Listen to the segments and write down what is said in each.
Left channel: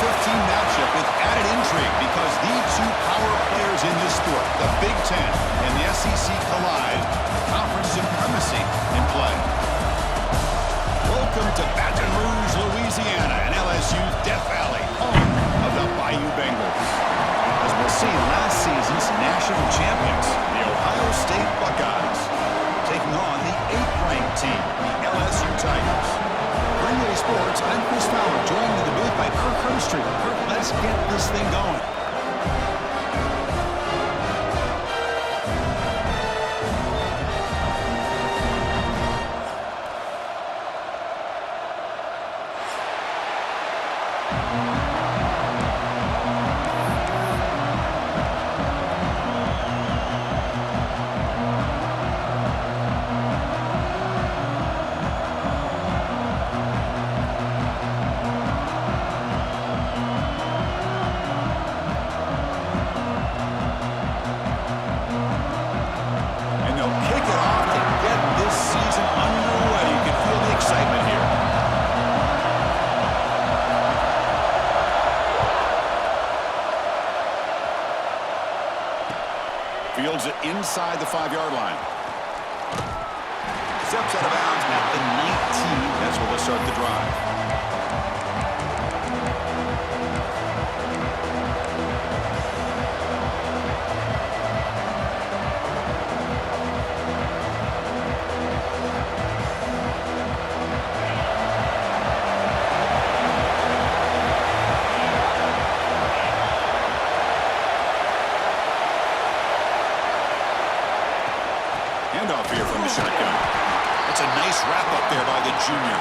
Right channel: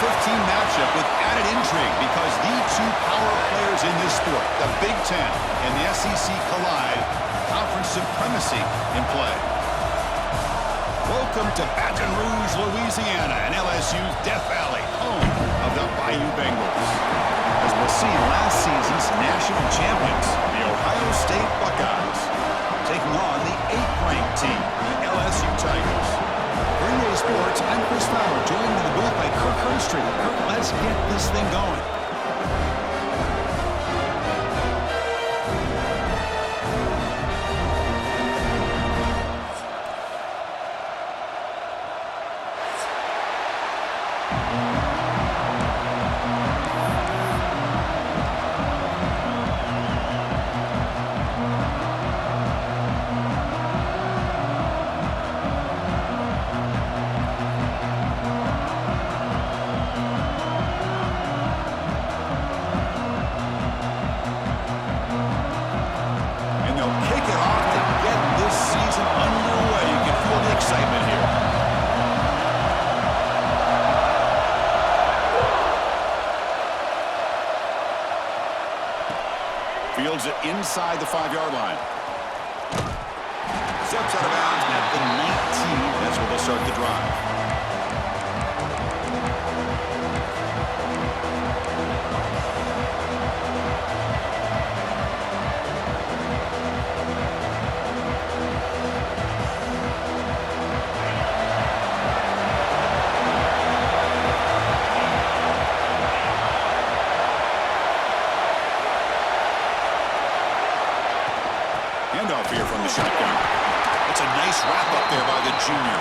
15 matchup with added intrigue because the two power players in this sport, the Big Ten and the SEC, collide with conference supremacy in play. Welcome to Baton Rouge, Louisiana, and LSU's Death Valley, home of the Bayou Bengals. As we'll see, last season's national champions, the Ohio State Buckeyes, taking on the 8th-ranked team, the LSU Tigers. For NBA Sports, I'm Chris Fowler, joined in the booth by Kirk Herbstreit. Kirk, let's get this thing going. Fields it inside the 5-yard line. Steps out of bounds at the 19. That's where they'll start the drive. Handoff here from the shotgun. That's a nice wrap-up there by the junior.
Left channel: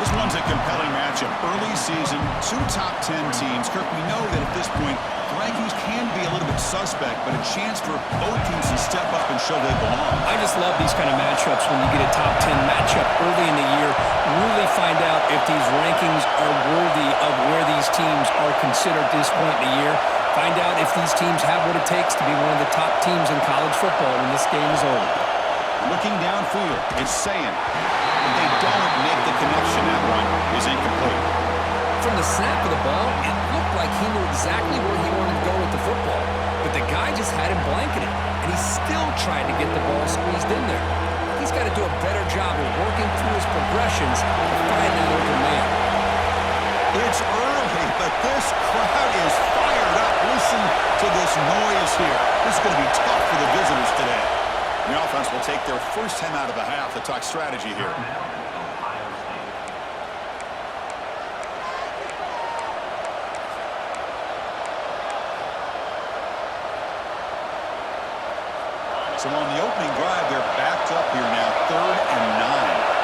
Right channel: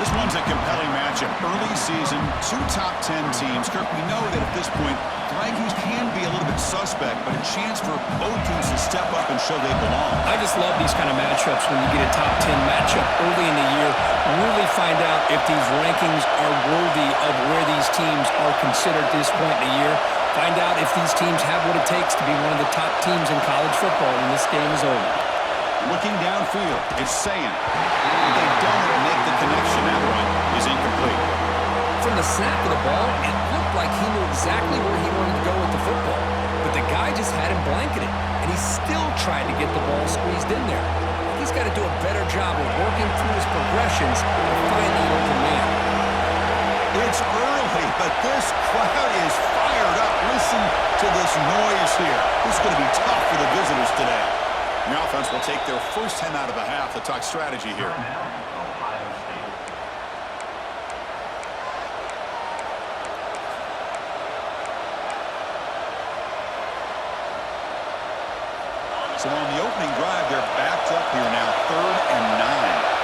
This one's a compelling matchup. Early season, 2 top 10 teams. Kirk, we know that at this point, the rankings can be a little bit suspect, but a chance for both teams to step up and show they belong. I just love these kind of matchups when you get a top 10 matchup early in the year. Really find out if these rankings are worthy of where these teams are considered at this point in the year. Find out if these teams have what it takes to be one of the top teams in college football when this game is over. Looking downfield, it's Sayin. But they don't make the connection. That one is incomplete. From the snap of the ball, it looked like he knew exactly where he wanted to go with the football. But the guy just had him blanketed, and he still tried to get the ball squeezed in there. He's got to do a better job of working through his progressions to find that open man. It's early, but this crowd is fired up. Listen to this noise here. This is going to be tough for the visitors today. The offense will take their first time out of the half to talk strategy here. So on the opening drive, they're backed up here now, 3rd and 9.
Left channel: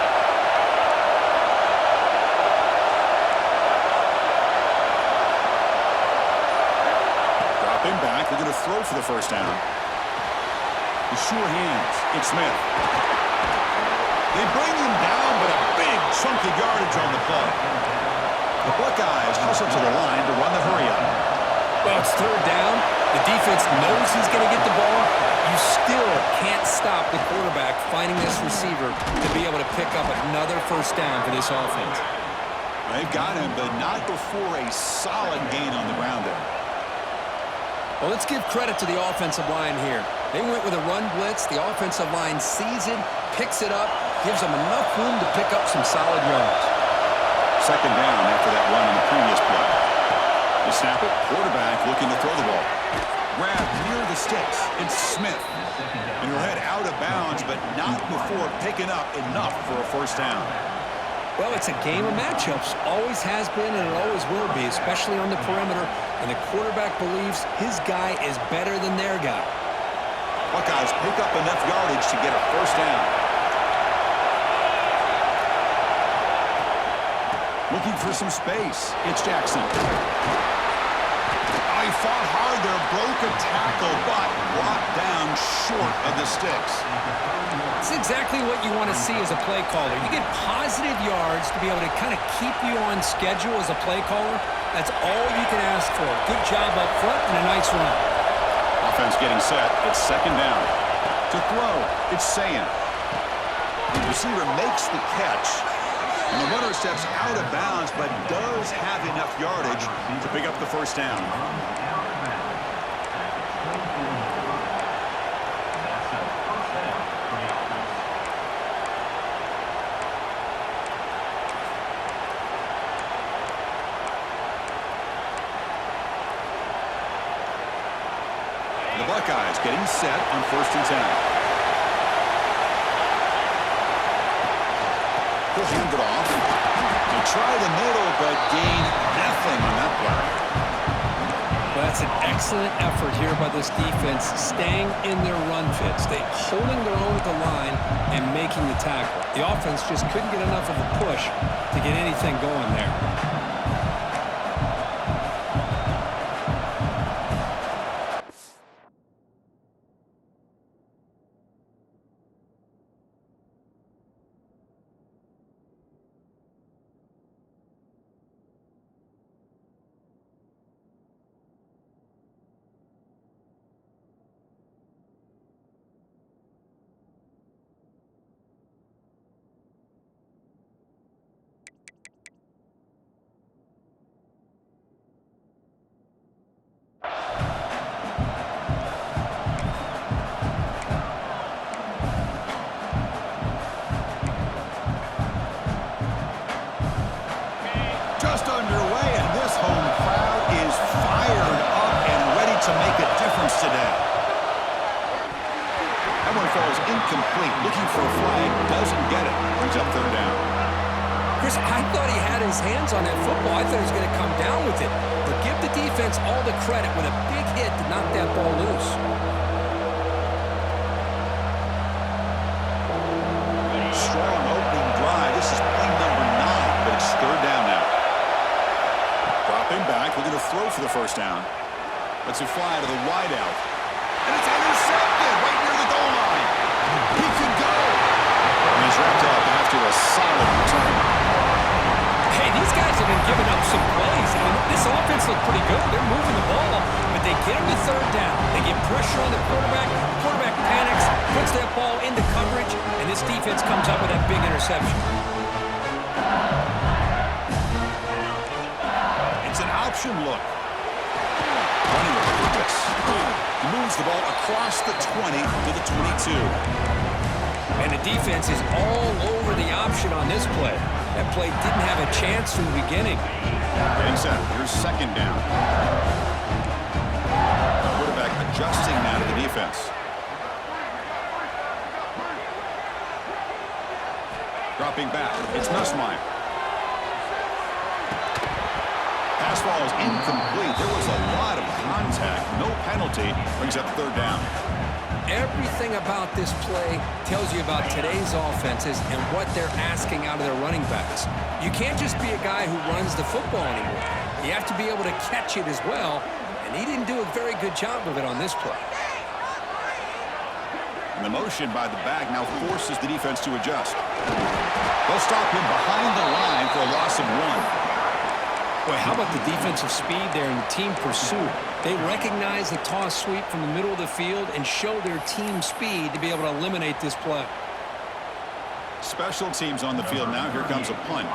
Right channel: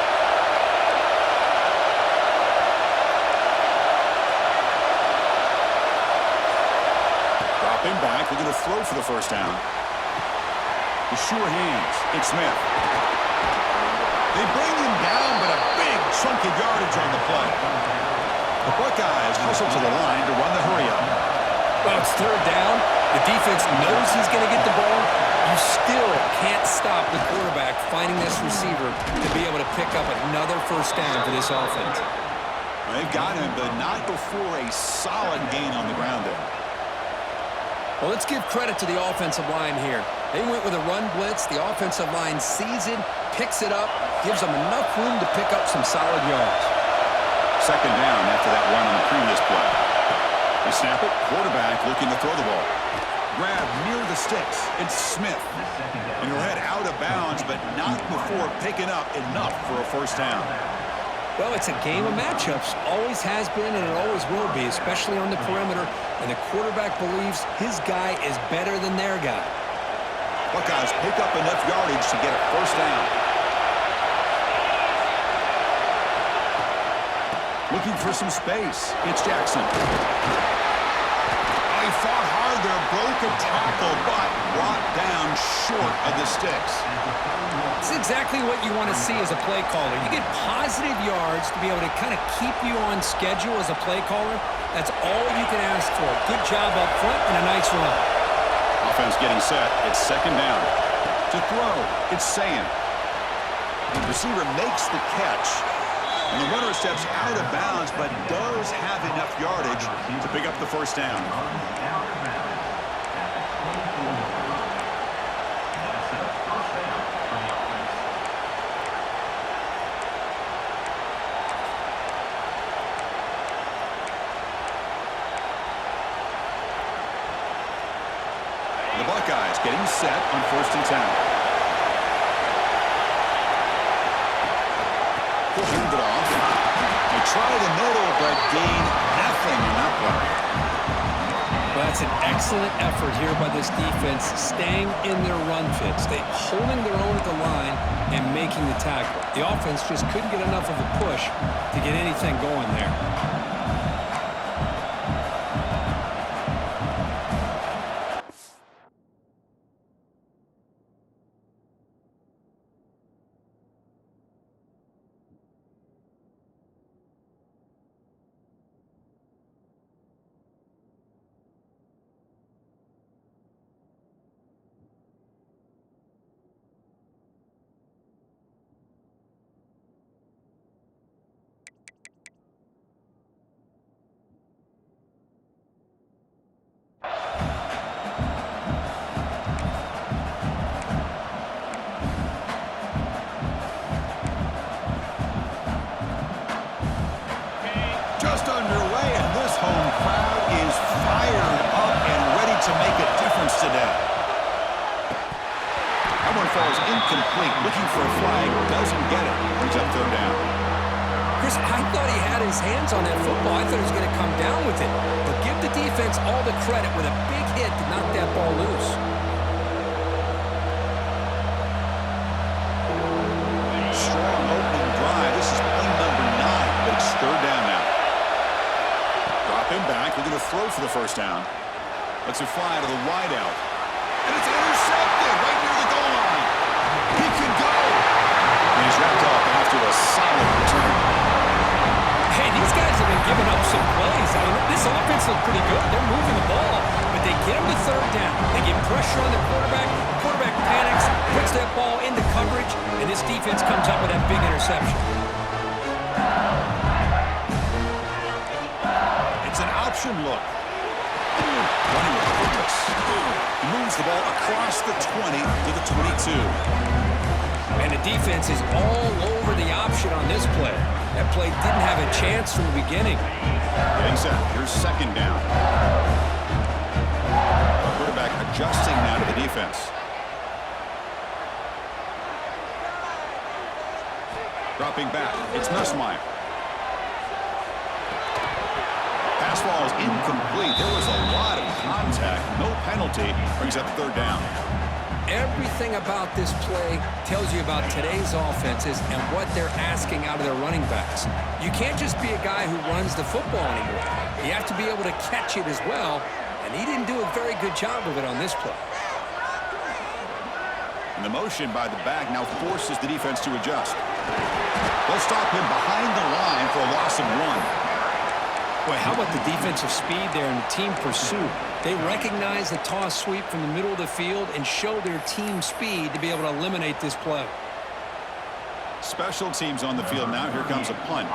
Dropping back, they're going to throw for the first down. The sure hands, it's Smith. They bring him down, but a big chunk of yardage on the play. The Buckeyes hustle to the line to run the hurry-up. Well, it's 3rd down. The defense knows he's going to get the ball. You still can't stop the quarterback finding this receiver to be able to pick up another first down for this offense. Well, they've got him, but not before a solid gain on the ground there. Well, let's give credit to the offensive line here. They went with a run blitz. The offensive line sees it, picks it up, gives them enough room to pick up some solid yards. 2nd down after that run on the previous play. They snap it, quarterback looking to throw the ball. Grab near the sticks. It's Smith. And he'll head out of bounds, but not before picking up enough for a first down. Well, it's a game of matchups. Always has been, and it always will be, especially on the perimeter. And the quarterback believes his guy is better than their guy. Buckeyes pick up enough yardage to get a first down. Looking for some space. It's Jackson. Oh, he fought hard there, broke a tackle, but brought down short of the sticks. It's exactly what you want to see as a play caller. You get positive yards to be able to kind of keep you on schedule as a play caller. That's all you can ask for. Good job up front and a nice run. Offense getting set. It's 2nd down. To throw, it's Sayin. The receiver makes the catch. And the runner steps out of bounds, but does have enough yardage to pick up the first down. The Buckeyes getting set on 1st and 10. He'll hand it off. They try the middle, but gain nothing on that play. Well, that's an excellent effort here by this defense, staying in their run fit, holding their own at the line and making the tackle. The offense just couldn't get enough of a push to get anything going there. Just underway, and this home crowd is fired up and ready to make a difference today. That one falls incomplete. Looking for a flag, doesn't get it. Brings up 3rd down. Chris, I thought he had his hands on that football. I thought he was going to come down with it. But give the defense all the credit with a big hit to knock that ball loose. Strong opening drive. This is play number 9, but it's 3rd down now. Dropping back, looking to throw for the first down. Lets it fly to the wideout. And it's intercepted right near the goal line. He could go. And he's wrapped up after a solid return. Hey, these guys have been giving up some plays. I mean, this offense looked pretty good. They're moving the ball, but they get him to 3rd down. They get pressure on the quarterback. Quarterback panics, puts that ball into coverage, and this defense comes up with that big interception. It's an option look. Running with purpose. He moves the ball across the 20 to the 22. And the defense is all over the option on this play. That play didn't have a chance from the beginning. Getting set. Here's 2nd down. The quarterback adjusting now to the defense. Dropping back. It's Nussmeier. Pass ball is incomplete. There was a lot of contact. No penalty. Brings up 3rd down. Everything about this play tells you about today's offenses and what they're asking out of their running backs. You can't just be a guy who runs the football anymore. You have to be able to catch it as well, and he didn't do a very good job of it on this play. And the motion by the back now forces the defense to adjust. They'll stop him behind the line for a loss of 1. Boy, how about the defensive speed there and the team pursuit? They recognize the toss sweep from the middle of the field and show their team speed to be able to eliminate this play. Special teams on the field now. Here comes a punt.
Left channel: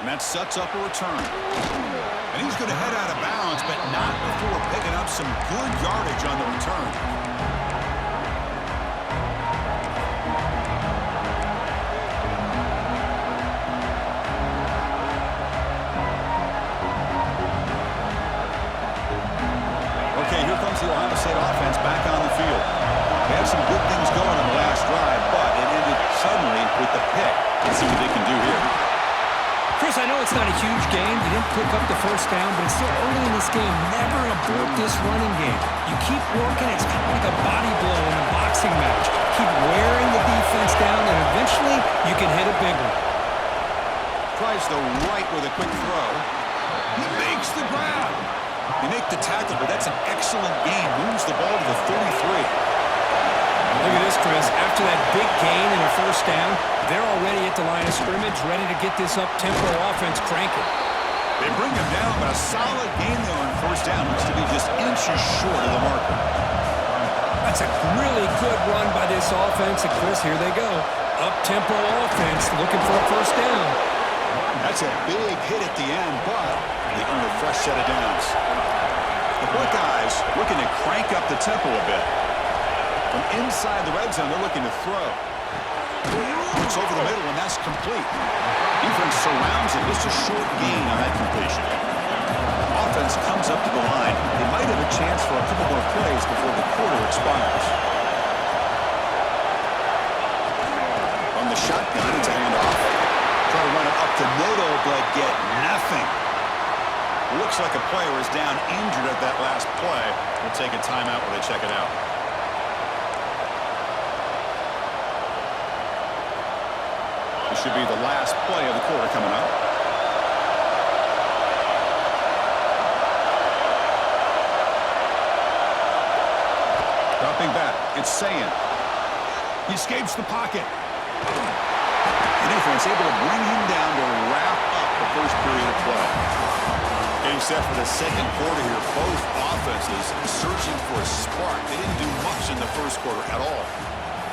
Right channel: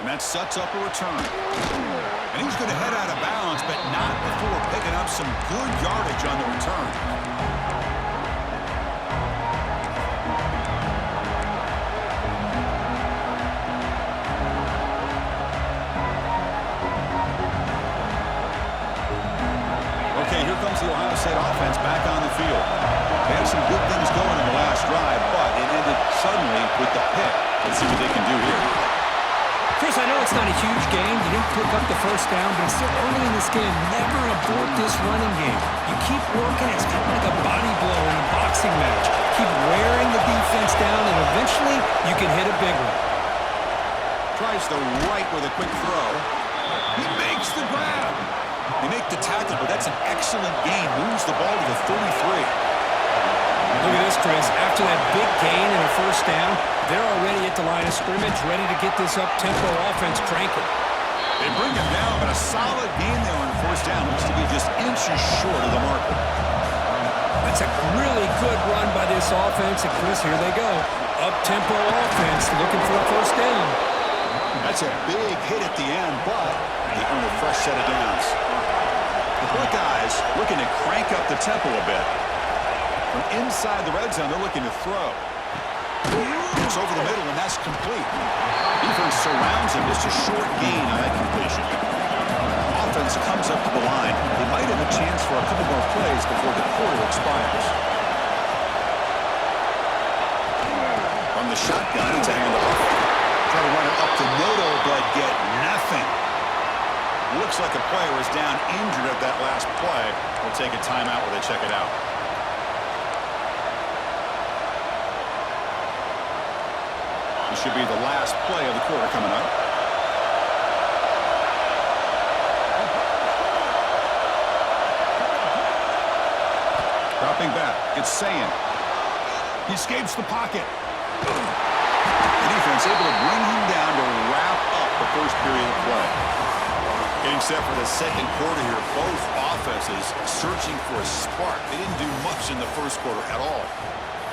And that sets up a return. And he's going to head out of bounds, but not before picking up some good yardage on the return. Okay, here comes the Ohio State offense back on the field. They had some good things going on the last drive, but it ended suddenly with the pick. Let's see what they can do here. Chris, I know it's not a huge game. You didn't pick up the first down, but it's still early in this game. Never abort this running game. You keep working. It's kind of like a body blow in a boxing match. Keep wearing the defense down, and eventually you can hit a big one. Tries the right with a quick throw. He makes the grab. They make the tackle, but that's an excellent gain. Moves the ball to the 33. Look at this, Chris. After that big gain and a first down, they're already at the line of scrimmage, ready to get this up-tempo offense cranking. They bring him down, but a solid gain there on first down. Looks to be just inches short of the marker. That's a really good run by this offense. And, Chris, here they go. Up-tempo offense looking for a first down. That's a big hit at the end, but they earn a fresh set of downs. The Buckeyes looking to crank up the tempo a bit. From inside the red zone, they're looking to throw. It's over the middle, and that's complete. Defense surrounds him. Just a short gain on that completion. Offense comes up to the line. They might have a chance for a couple more plays before the quarter expires. From the shotgun, it's a handoff. Try to run it up the middle, but get nothing. Looks like a player is down injured at that last play. We'll take a timeout while they check it out. This should be the last play of the quarter coming up. Dropping back, it's Sayin. He escapes the pocket. The defense able to bring him down to wrap up the first period of play. Getting set for the second quarter here. Both offenses searching for a spark. They didn't do much in the first quarter at all.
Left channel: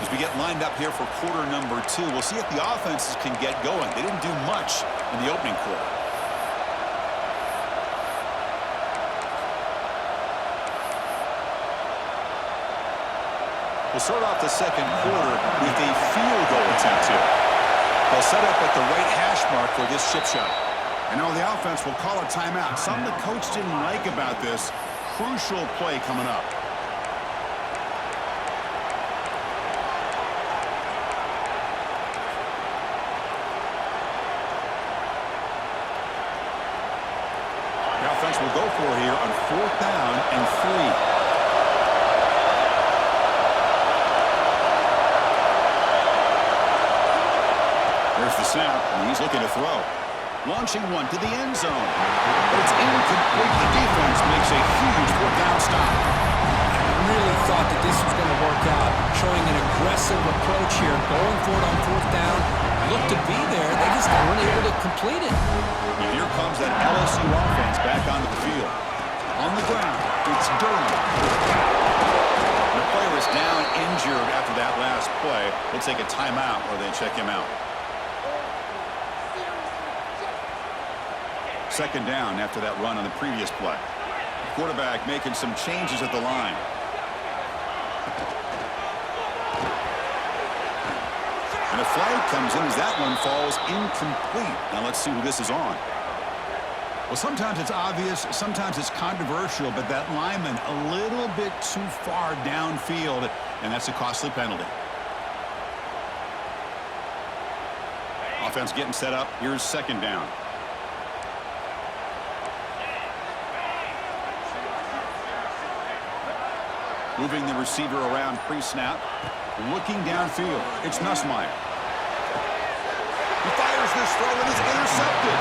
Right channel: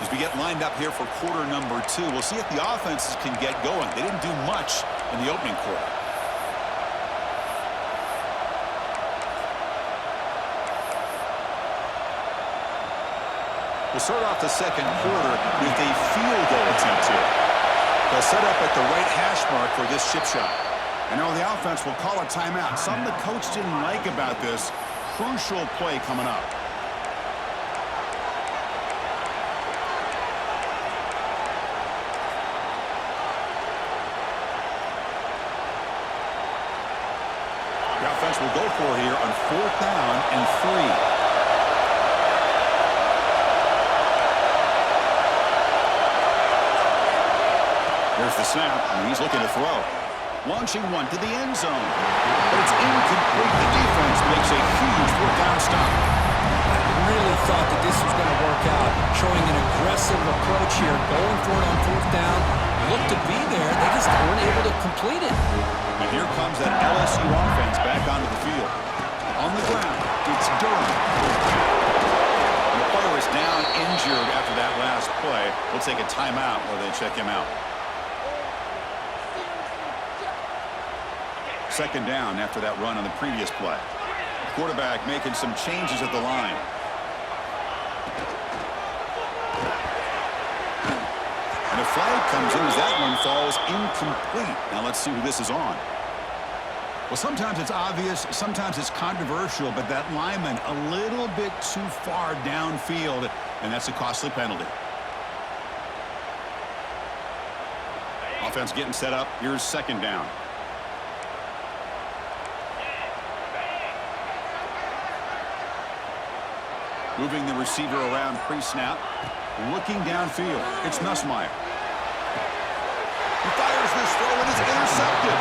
As we get lined up here for quarter number 2, we'll see if the offenses can get going. They didn't do much in the opening quarter. We'll start off the second quarter with a field goal attempt here. They'll set up at the right hash mark for this chip shot. And now the offense will call a timeout. Something the coach didn't like about this. Crucial play coming up. The offense will go for it here on 4th down and 3. There's the snap, and he's looking to throw. Launching one to the end zone. But it's incomplete. The defense makes a huge 4th down stop. I really thought that this was going to work out. Showing an aggressive approach here. Going for it on 4th down. Looked to be there. They just weren't able to complete it. And here comes that LSU offense back onto the field. On the ground, it's Durham. The player is down injured after that last play. We'll take a timeout while they check him out. Second down after that run on the previous play. The quarterback making some changes at the line. And a flag comes in as that one falls incomplete. Now let's see who this is on. Well, sometimes it's obvious, sometimes it's controversial, but that lineman a little bit too far downfield, and that's a costly penalty. Offense getting set up. Here's second down. Moving the receiver around pre-snap. Looking downfield. It's Nussmeier. He fires this throw and it's intercepted.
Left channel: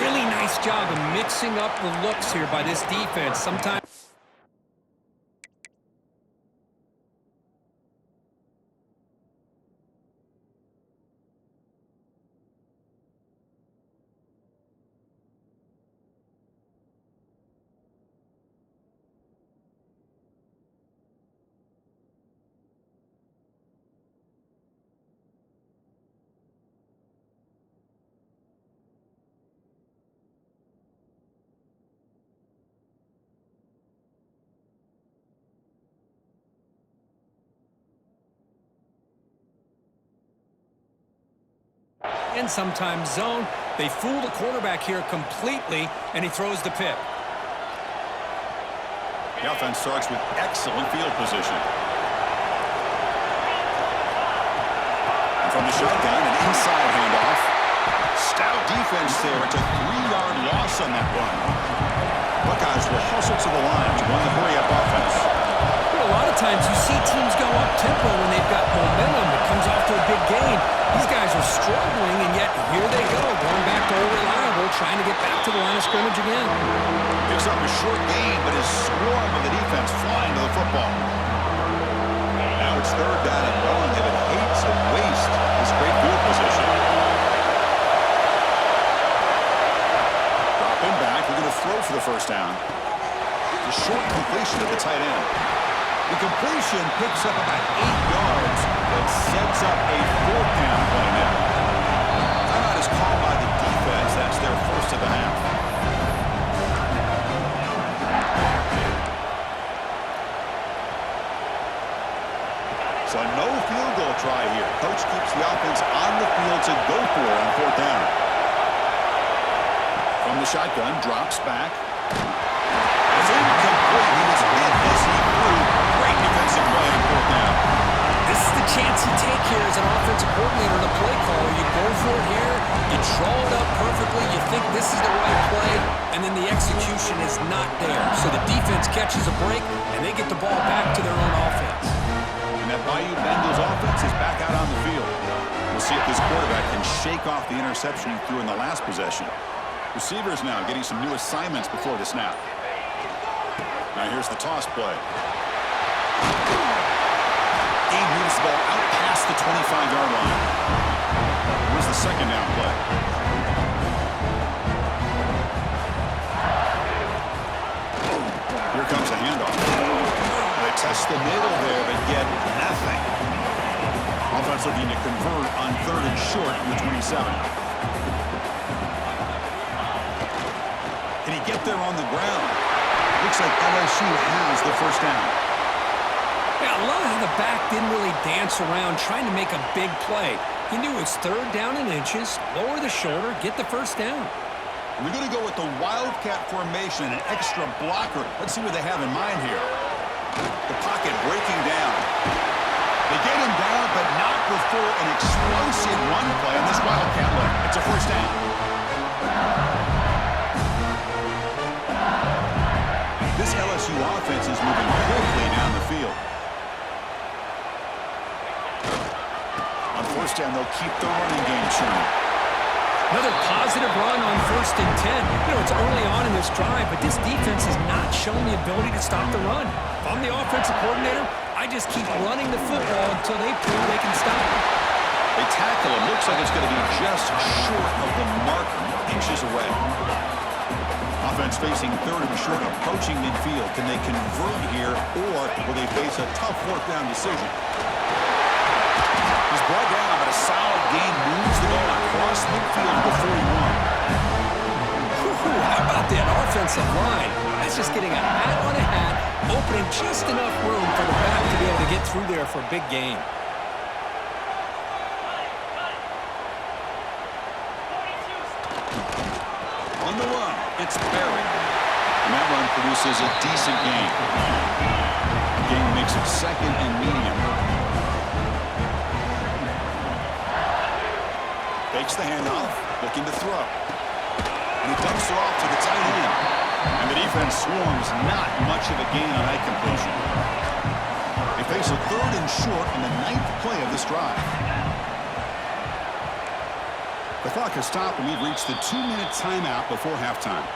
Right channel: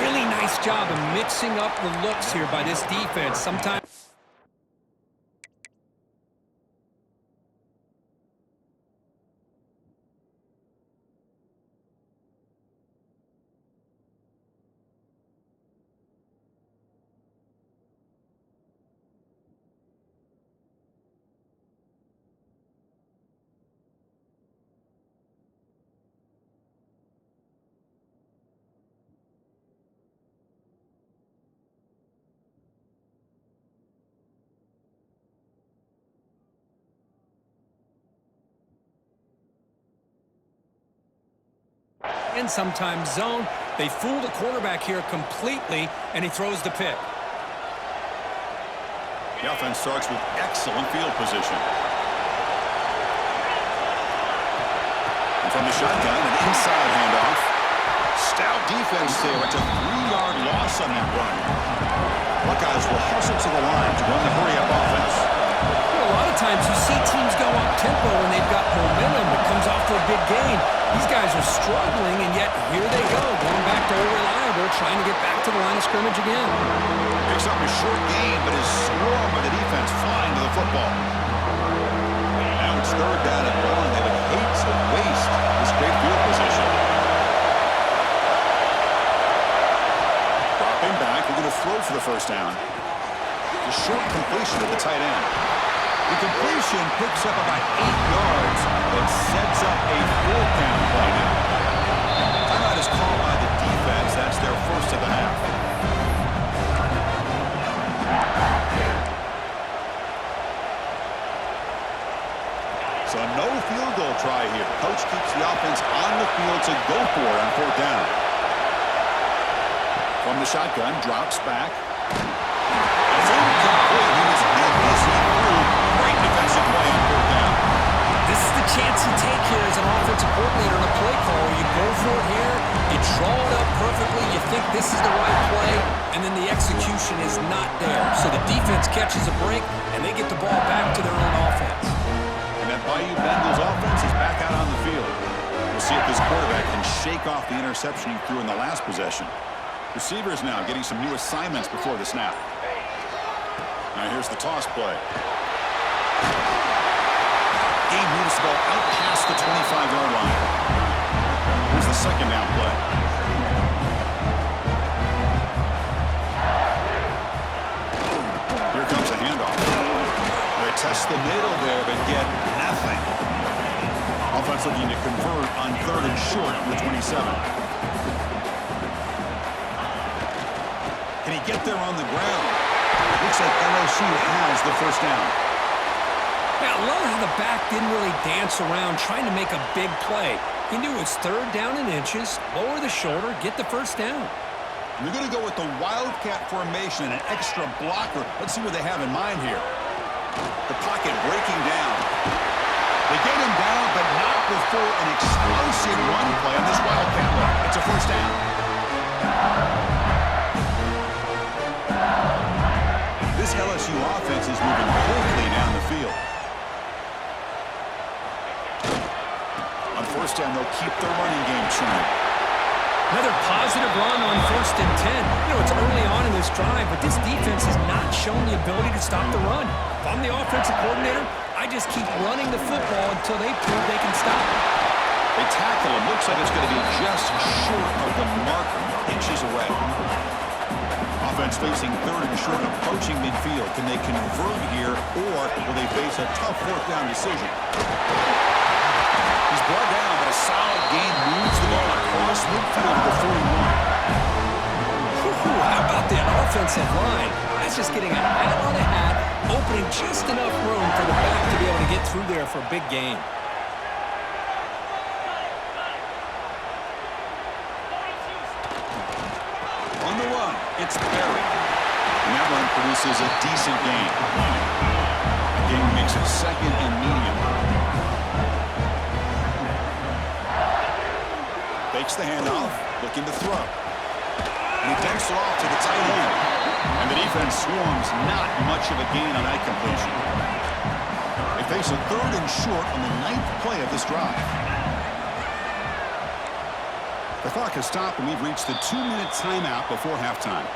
Really nice job of mixing up the looks here by this defense. Sometimes and sometimes zone. They fool the quarterback here completely, and he throws the pick. The offense starts with excellent field position. And from the shotgun, an inside handoff. Stout defense there. It's a 3-yard loss on that run. Buckeyes will hustle to the line to run the hurry-up offense. A lot of times you see teams go up-tempo when they've got momentum. It comes off to a big gain. These guys are struggling, and yet here they go, going back to old reliable, trying to get back to the line of scrimmage again. Picks up a short gain, but is swarmed by the defense flying to the football. Now it's 3rd down and 1. They would hate to waste this great field position. come back. We're going to throw for the first down. The short completion to the tight end. The completion picks up about 8 yards, but sets up a 4th down play now. Timeout is called by the defense. That's their first of the half. So no field goal try here. Coach keeps the offense on the field to go for it on 4th down. From the shotgun, drops back. It's incomplete. He was hit as he threw. Great defensive play on 4th down. This is the chance you take here as an offensive coordinator and a play caller. You go for it here, you draw it up perfectly, you think this is the right play, and then the execution is not there. So the defense catches a break, and they get the ball back to their own offense. And that Bayou Bengals offense is back out on the field. We'll see if this quarterback can shake off the interception he threw in the last possession. Receivers now getting some new assignments before the snap. Now here's the toss play. Gabe moves the ball out past the 25-yard line. Here's the second down play. Here comes a handoff. They test the middle there, but get nothing. Offense looking to convert on 3rd and short from the 27. Can he get there on the ground? Looks like LSU has the first down. Yeah, I love how the back didn't really dance around trying to make a big play. He knew it was 3rd down and inches, lower the shoulder, get the first down. And they're going to go with the Wildcat formation and an extra blocker. Let's see what they have in mind here. The pocket breaking down. They get him down, but not before an explosive run play on this Wildcat look. It's a first down. This LSU offense is moving quickly down the field. On first down, they'll keep their running game churning. Another positive run on 1st and 10. You know, it's early on in this drive, but this defense has not shown the ability to stop the run. If I'm the offensive coordinator, I just keep running the football until they prove they can stop it. They tackle him. Looks like it's going to be just short of the marker, inches away. Offense facing 3rd and short, approaching midfield. Can they convert here, or will they face a tough 4th down decision? He's brought down, but a solid gain moves the ball across midfield to the 41. How about that offensive line? That's just getting a hat on a hat, opening just enough room for the back to be able to get through there for a big gain. On the run, it's Berry. And that run produces a decent gain. The gain makes it 2nd and medium. Fakes the handoff, looking to throw. And he dumps it off to the tight end. And the defense swarms, not much of a gain on that completion. They face a 3rd and short on the 9th play of this drive. The clock has stopped, and we've reached the 2-minute timeout before halftime.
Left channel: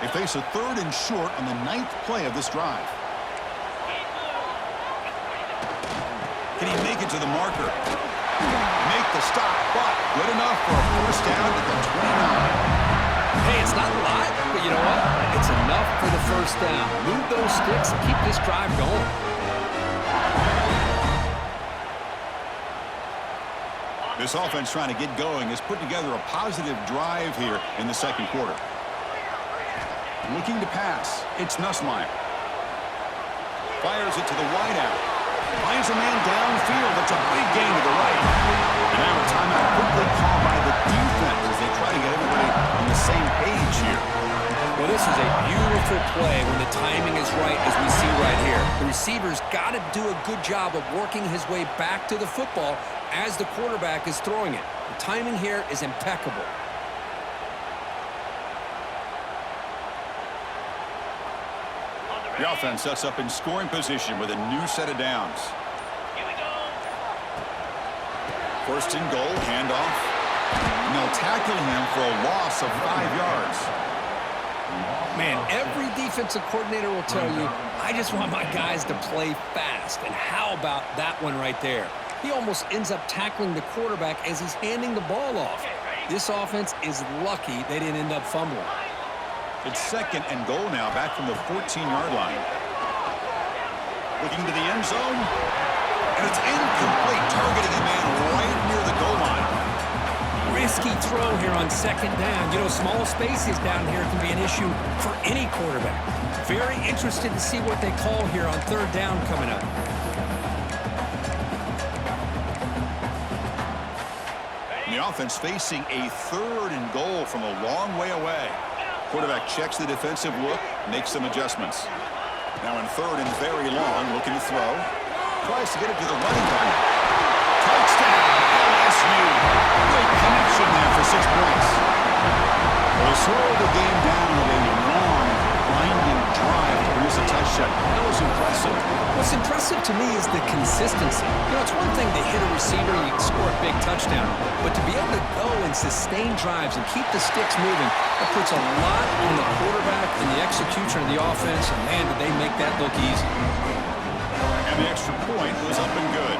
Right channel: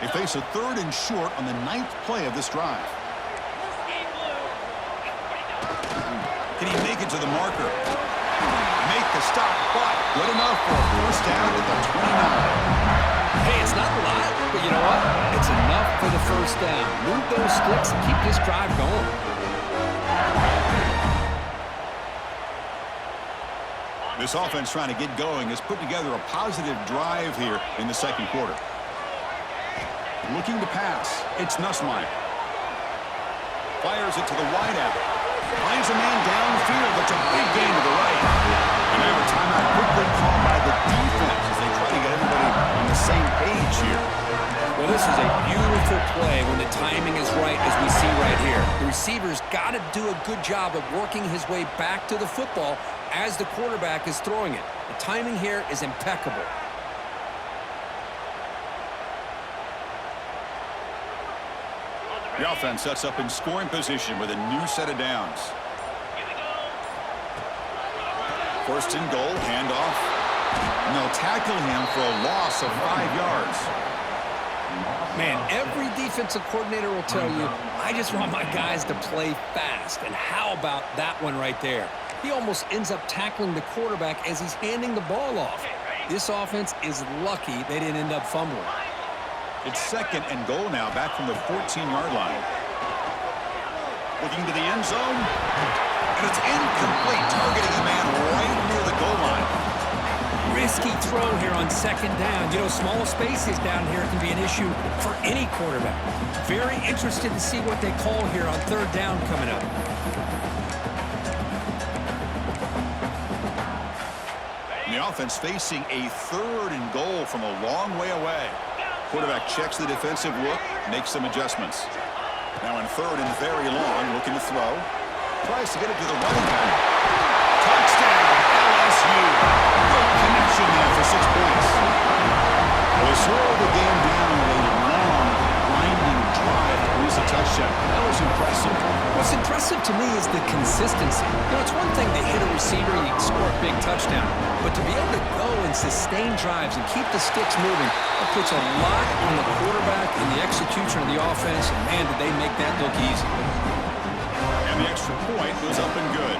They face a 3rd and short on the 9th play of this drive. Can he make it to the marker? Make the stop, but good enough for a first down at the 29. Hey, it's not a lot, but you know what? It's enough for the first down. Move those sticks and keep this drive going. This offense trying to get going has put together a positive drive here in the 2nd quarter. Looking to pass, it's Nussmeier. Fires it to the wideout. Finds a man downfield. That's a big gain to the right. And now a timeout quickly called by the defense as they try to get everybody on the same page here. Well, this is a beautiful play when the timing is right, as we see right here. The receiver's got to do a good job of working his way back to the football as the quarterback is throwing it. The timing here is impeccable. The offense sets up in scoring position with a new set of downs. Here we go. 1st and goal, handoff. And they'll tackle him for a loss of 5 yards. Man, every defensive coordinator will tell you, I just want my guys to play fast. And how about that one right there? He almost ends up tackling the quarterback as he's handing the ball off. This offense is lucky they didn't end up fumbling. It's 2nd and goal now, back from the 14-yard line. Looking to the end zone. And it's incomplete, targeting a man right near the goal line. Risky throw here on 2nd down. You know, small spaces down here can be an issue for any quarterback. Very interested to see what they call here on 3rd down coming up. The offense facing a 3rd and goal from a long way away. Quarterback checks the defensive look, makes some adjustments. Now in 3rd and very long, looking to throw. Tries to get it to the running back. Touchdown, LSU. Great connection there for 6 points. Well, they slowed the game down with a long, grinding drive to produce a touchdown. That was impressive. What's impressive to me is the consistency. You know, it's one thing to hit a receiver, you score a big touchdown, but to be able to go and sustain drives and keep the sticks moving, that puts a lot on the quarterback and the execution of the offense, and man, did they make that look easy. And the extra point was up and good.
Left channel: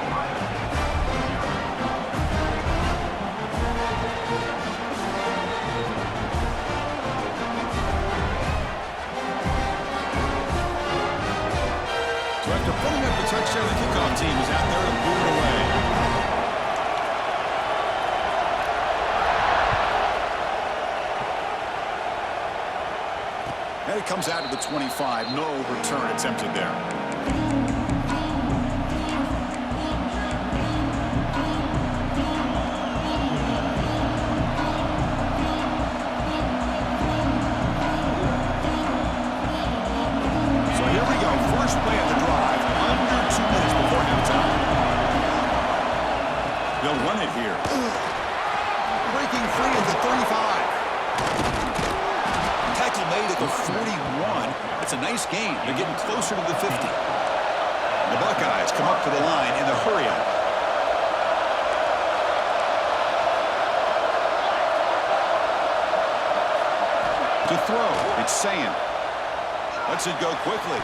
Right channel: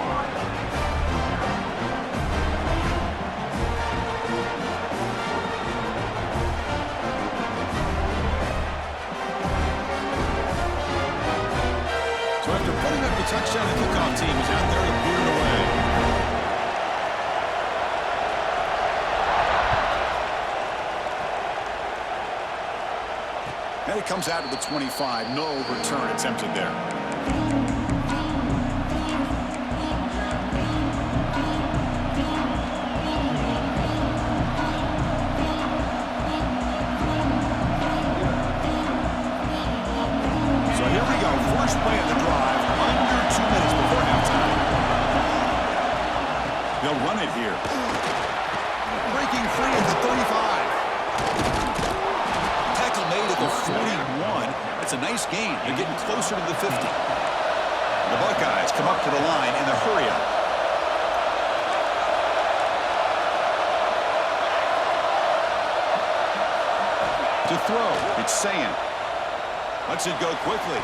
So after putting up the touchdown, the kickoff team is out there to boot it away. And it comes out to the 25. No return attempted there. So here we go. First play of the drive, under 2 minutes before halftime. They'll run it here. Breaking free at the 35. Tackle made at the 41. That's a nice gain. They're getting closer to the 50. The Buckeyes come up to the line in the hurry-up. To throw, it's Sam. Lets it go quickly.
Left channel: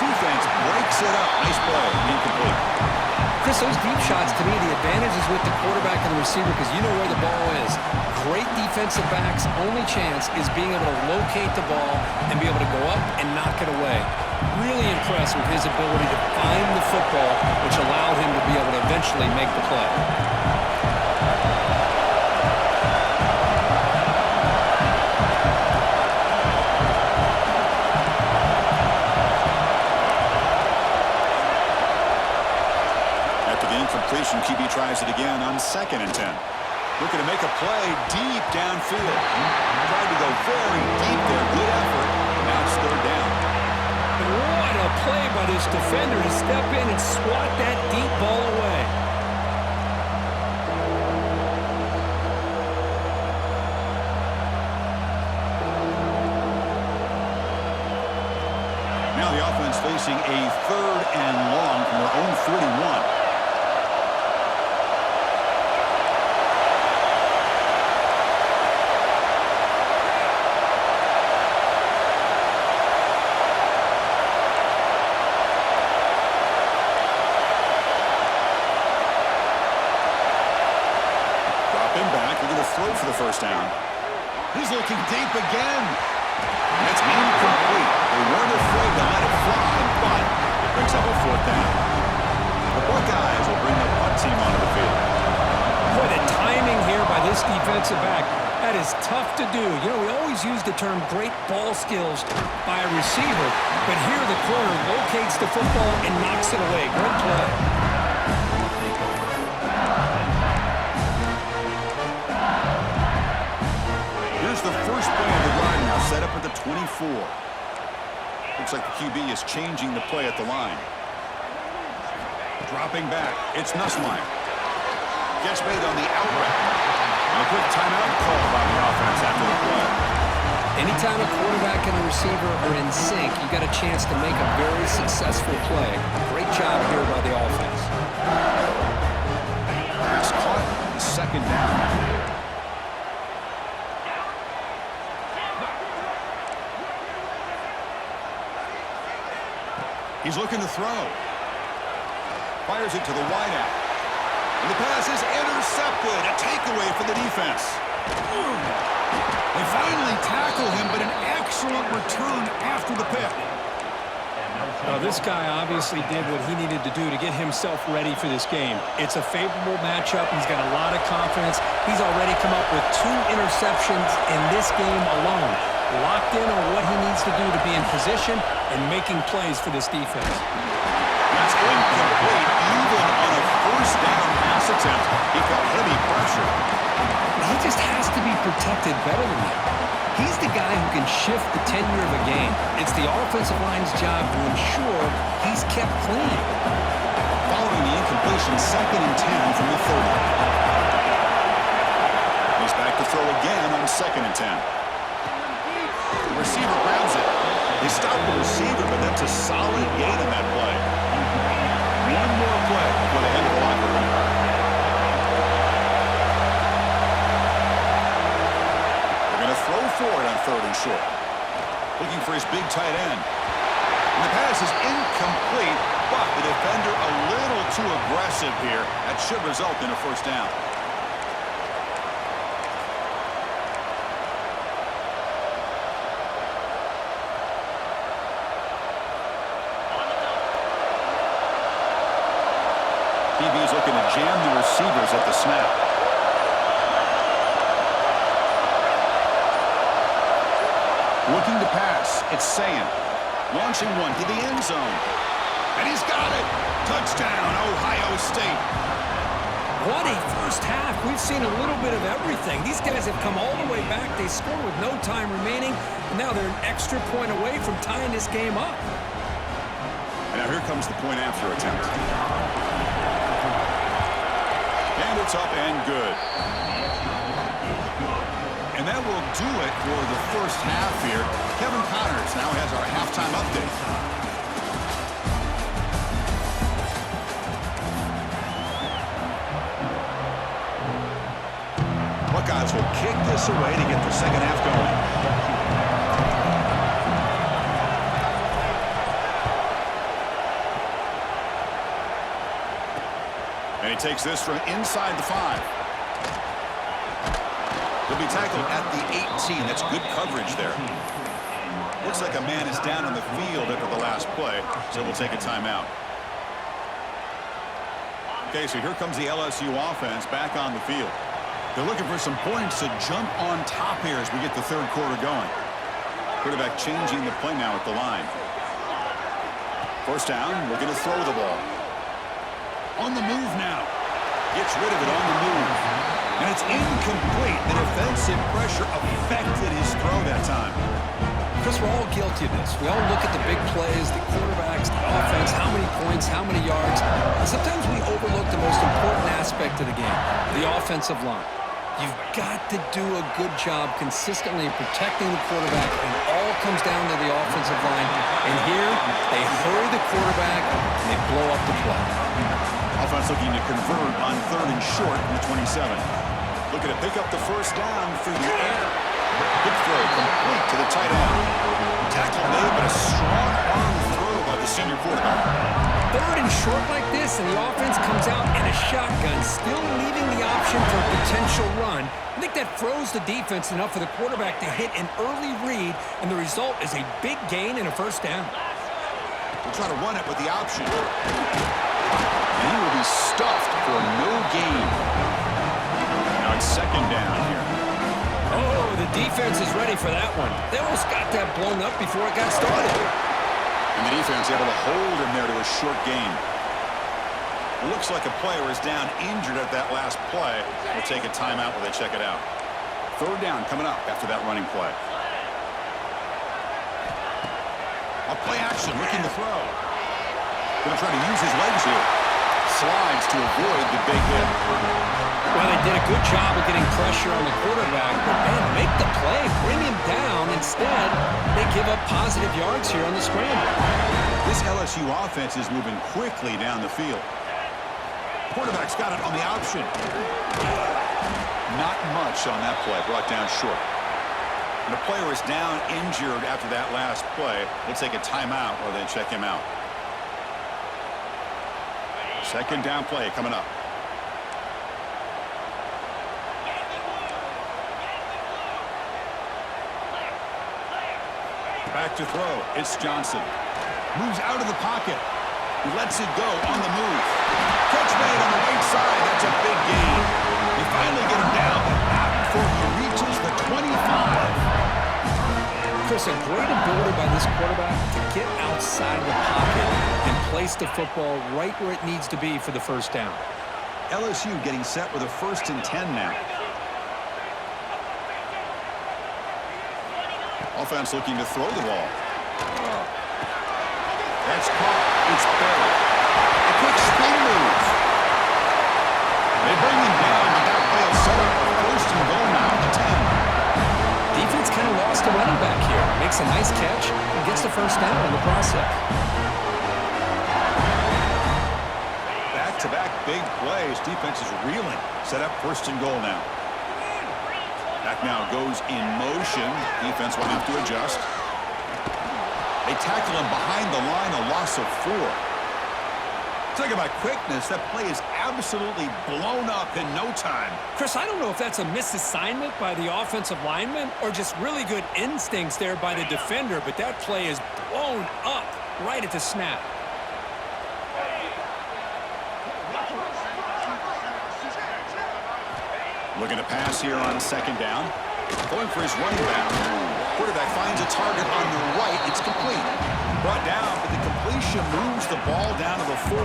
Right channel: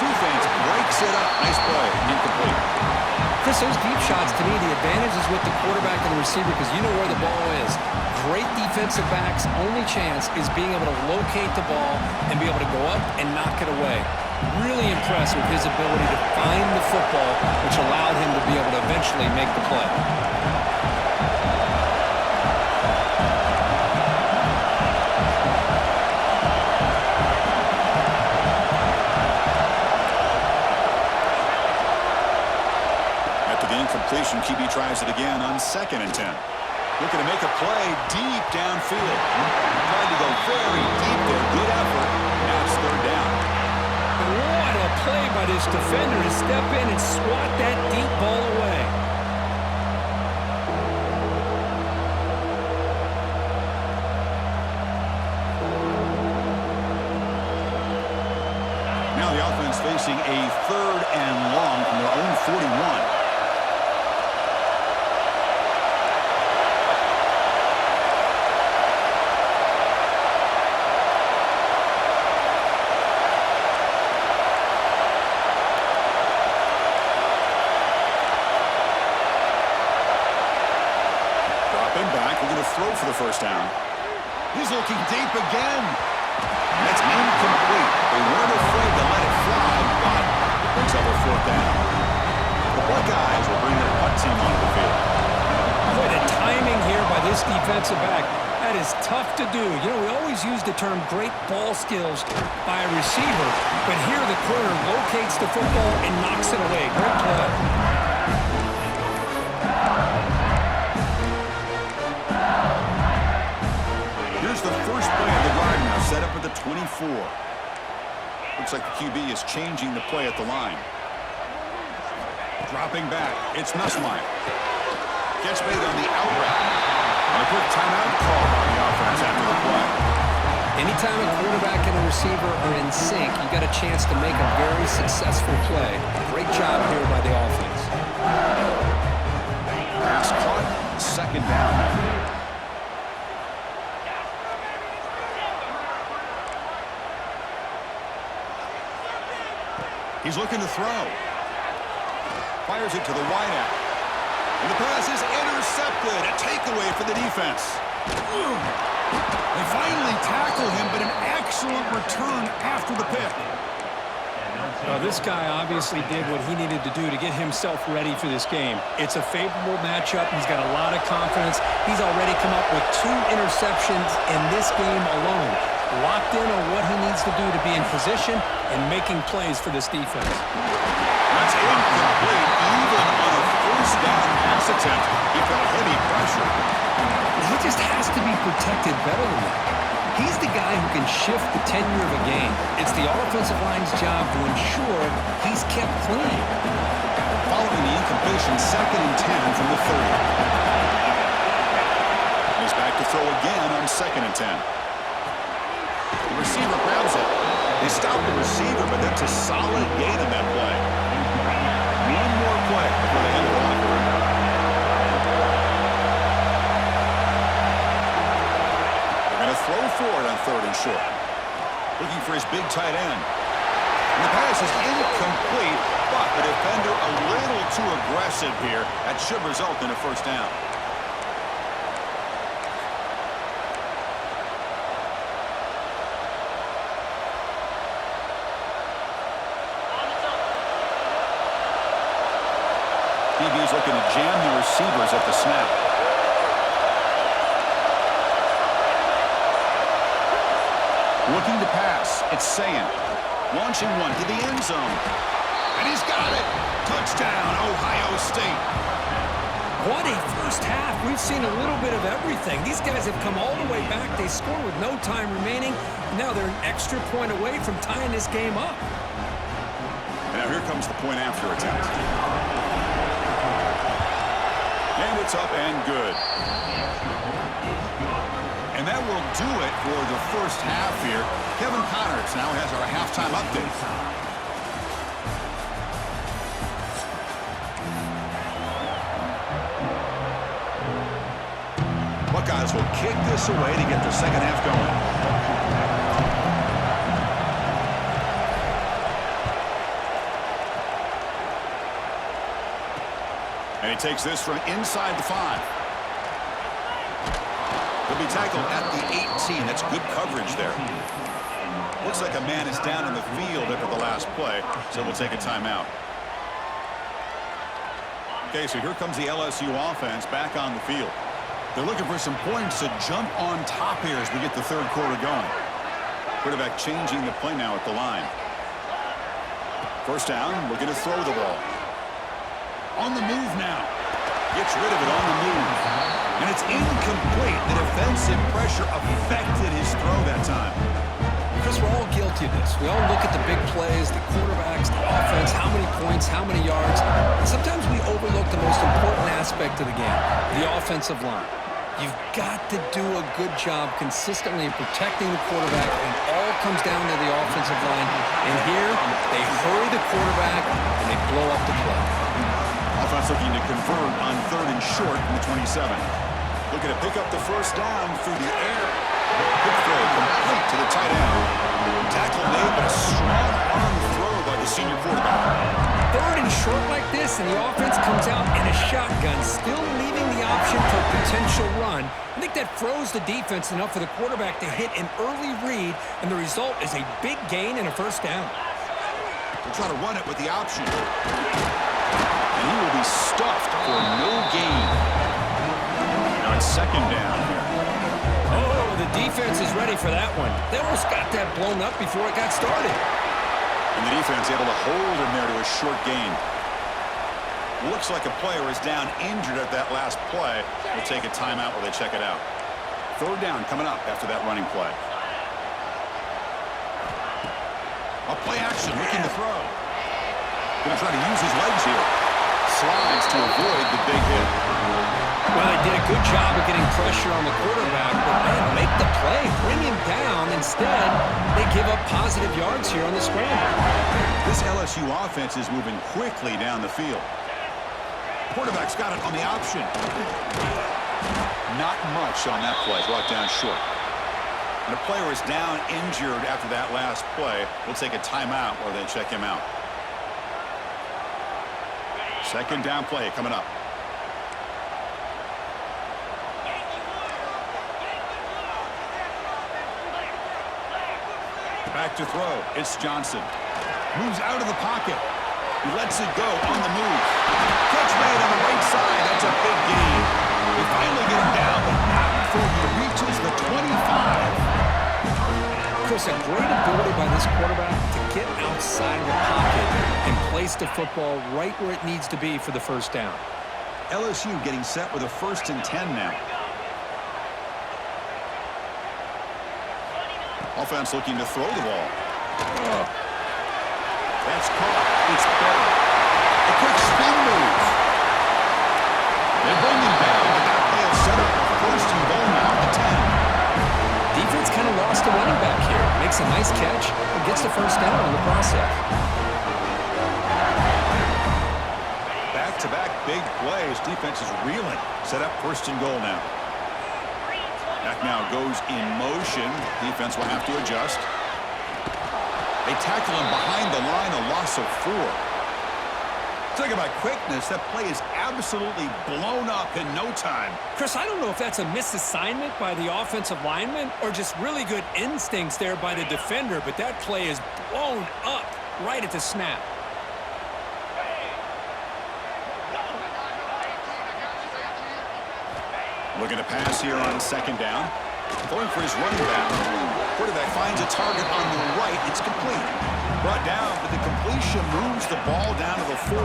Defense breaks it up. Nice play. Incomplete. Chris, those deep shots, to me, the advantage is with the quarterback and the receiver because you know where the ball is. Great defensive backs' only chance is being able to locate the ball and be able to go up and knock it away. Really impressed with his ability to find the football, which allowed him to be able to eventually make the play. After the incompletion, QB tries it again on 2nd and 10. Looking to make a play deep downfield. Tried to go very deep there. Good effort. Now it's 3rd down. What a play by this defender to step in and swat that deep ball away. Now the offense facing a 3rd and long from their own 41. Dropping back, we're going to throw for the 1st down. He's looking deep again. That's incomplete. They weren't afraid to let it fly, but it brings up a 4th down. The Buckeyes will bring the punt team onto the field. Boy, the timing here by this defensive back, that is tough to do. You know, we always use the term great ball skills by a receiver, but here the corner locates the football and knocks it away. Great play. Here's the first play of the drive now, set up at the 24. Looks like the QB is changing the play at the line. Dropping back, it's Nussmeier. Gets made on the out route. And a quick timeout call by the offense after the play. Anytime a quarterback and a receiver are in sync, you got a chance to make a very successful play. Great job here by the offense. Pass caught, 2nd down now. He's looking to throw. Fires it to the wideout. And the pass is intercepted. A takeaway for the defense. They finally tackle him, but an excellent return after the pick. Now, this guy obviously did what he needed to do to get himself ready for this game. It's a favorable matchup. He's got a lot of confidence. He's already come up with 2 interceptions in this game alone. Locked in on what he needs to do to be in position and making plays for this defense. That's incomplete. Even on a first down pass attempt, he felt heavy pressure. He just has to be protected better than that. He's the guy who can shift the tenure of a game. It's the offensive line's job to ensure he's kept clean. Following the incompletion, 2nd and 10 from the 30. He's back to throw again on 2nd and 10. The receiver grabs it. They stop the receiver, but that's a solid gain in that play. One more play before they head to the locker room. They're going to throw for it on 3rd and short. Looking for his big tight end. And the pass is incomplete, but the defender a little too aggressive here. That should result in a first down. DB's looking to jam the receivers at the snap. Looking to pass. It's Sayin. Launching one to the end zone. And he's got it. Touchdown, Ohio State. What a first half. We've seen a little bit of everything. These guys have come all the way back. They score with no time remaining. And now they're an extra point away from tying this game up. And now here comes the point after attempt. And it's up and good. And that will do it for the first half here. Kevin Connors now has our halftime update. Buckeyes will kick this away to get the second half going. And he takes this from inside the 5. He'll be tackled at the 18. That's good coverage there. Looks like a man is down on the field after the last play, so we'll take a timeout. Okay, so here comes the LSU offense back on the field. They're looking for some points to jump on top here as we get the third quarter going. Quarterback changing the play now at the line. First down, looking to throw the ball. On the move now. Gets rid of it on the move. And it's incomplete. The defensive pressure affected his throw that time. Chris, we're all guilty of this. We all look at the big plays, the quarterbacks, the offense, how many points, how many yards. And sometimes we overlook the most important aspect of the game, the offensive line. You've got to do a good job consistently protecting the quarterback, and it all comes down to the offensive line. And here, they hurry the quarterback, and they blow up the play. Offense looking to convert on 3rd and short from the 27. Looking to pick up the first down through the air. Good throw, complete to the tight end. Tackle made, but a strong arm throw by the senior quarterback. 3rd and short like this, and the offense comes out in a shotgun, still leaving the option for a potential run. I think that froze the defense enough for the quarterback to hit an early read, and the result is a big gain and a first down. We'll try to run it with the option. And he will be stuffed for no gain. Now it's 2nd down here. Oh, the defense is ready for that one. They almost got that blown up before it got started. And the defense able to hold him there to a short gain. Looks like a player is down injured at that last play. We'll take a timeout while they check it out. 3rd down coming up after that running play. A play action, looking to throw. Going to try to use his legs here. Slides to avoid the big hit. Well, they did a good job of getting pressure on the quarterback, but man, make the play, bring him down. Instead, they give up positive yards here on the scramble. This LSU offense is moving quickly down the field. Quarterback's got it on the option. Not much on that play, brought down short. And a player is down injured after that last play. We'll take a timeout while they check him out. Second down play coming up. Back to throw. It's Johnson. Moves out of the pocket. He lets it go on the move. Catch made on the right side. That's a big gain. They finally get him down, but not before he reaches the 25. Chris, a great ability by this quarterback to get outside of the pocket and place the football right where it needs to be for the first down. LSU getting set with a 1st and 10 now. Offense looking to throw the ball. That's caught. It's buried. A quick spin move. They bring him down, but that play will set up a 1st and goal now at the 10. Defense kind of lost a running back here. Makes a nice catch and gets the first down in the process. Back-to-back big plays. Defense is reeling. Set up 1st and goal now. Back now goes in motion. Defense will have to adjust. They tackle him behind the line, a loss of 4. Talk about quickness. That play is absolutely blown up in no time. Chris, I don't know if that's a misassignment by the offensive lineman or just really good instincts there by the defender, but that play is blown up right at the snap. Looking to pass here on 2nd down. Going for his running back. Quarterback finds a target on the right. It's complete. Brought down, but the completion moves the ball down to the 4.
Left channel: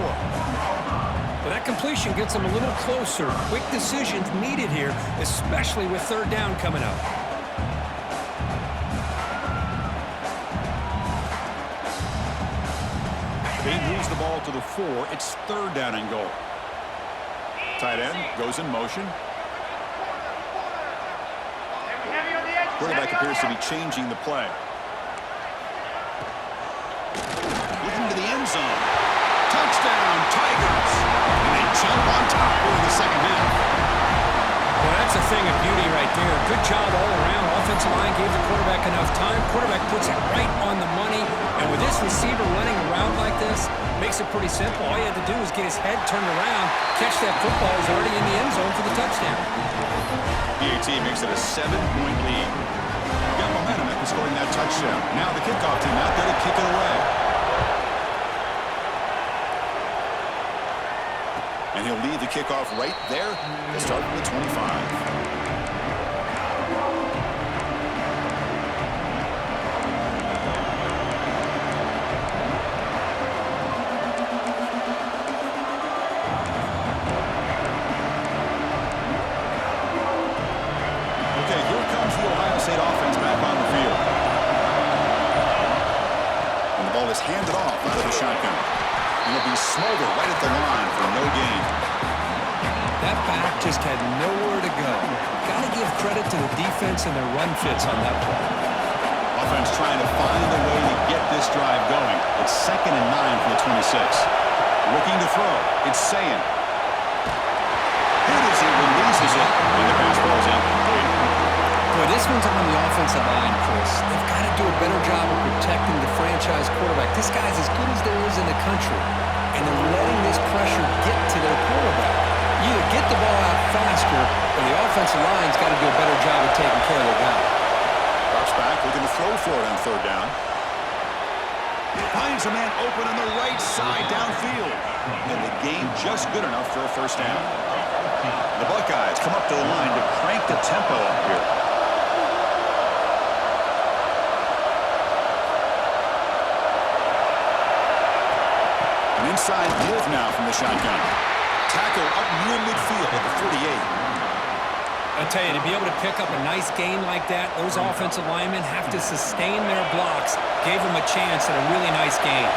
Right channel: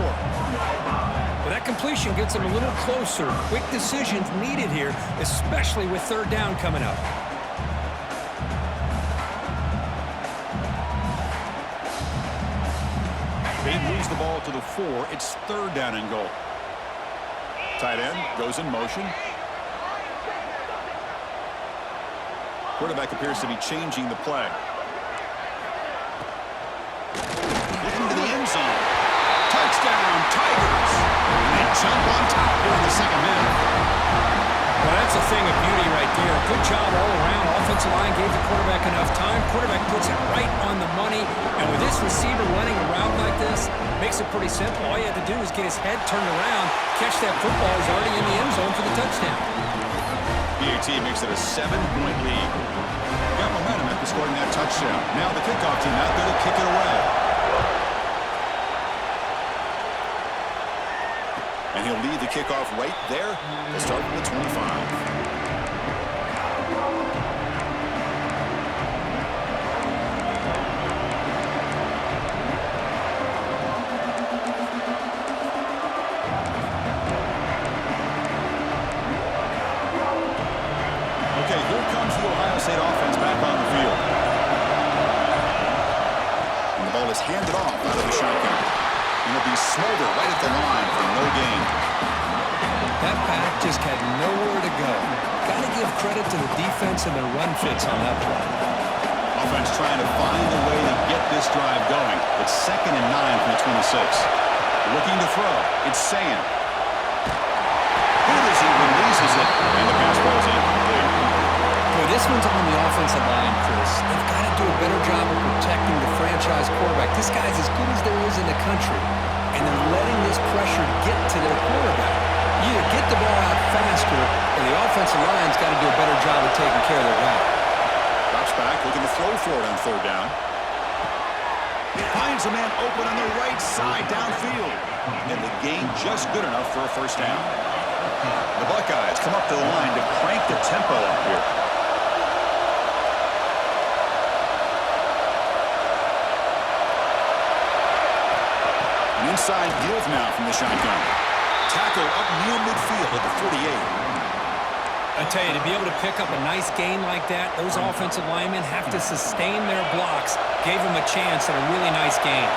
But that completion gets them a little closer. Quick decisions needed here, especially with 3rd down coming up. He moves the ball to the 4. It's 3rd down and goal. Tight end goes in motion. Quarterback appears to be changing the play. Looking to the end zone. Touchdown, Tigers! And they jump on top here in the 2nd half. Well, that's a thing of beauty right there. Good job all around. Offensive line gave the quarterback enough time. Quarterback puts it right on the money. And with this receiver running around like this, makes it pretty simple. All you had to do is get his head turned around, catch that football. He's already in the end zone for the touchdown. PAT makes it a 7-point lead. Got momentum after scoring that touchdown. Now the kickoff team out there to kick it away. And he'll lead the kickoff right there to start with the 25. Okay, here comes the Ohio State offense back on the field. And the ball is handed off out of the shotgun. And it'll be Smolder right at the line for no gain. That back just had nowhere to go. Got to give credit to the defense and their run fits on that play. Offense trying to find a way to get this drive going. It's 2nd and 9 from the 26. Looking to throw. It's Sayin. Hit as he releases it, and the pass ball is incomplete. Boy, this one's on the offensive line, Chris. They've got to do a better job of protecting the franchise quarterback. This guy's as good as there is in the country, and they're letting this pressure get to their quarterback. You either get the ball out faster, or the offensive line's got to do a better job of taking care of their guy. Drops back, looking to throw for it on 3rd down. Finds a man open on the right side downfield. And the gain just good enough for a 1st down. The Buckeyes come up to the line to crank the tempo up here. An inside give now from the shotgun. Tackle up near midfield at the 48. I tell you, to be able to pick up a nice gain like that, those offensive linemen have to sustain their blocks. Gave them a chance at a really nice gain.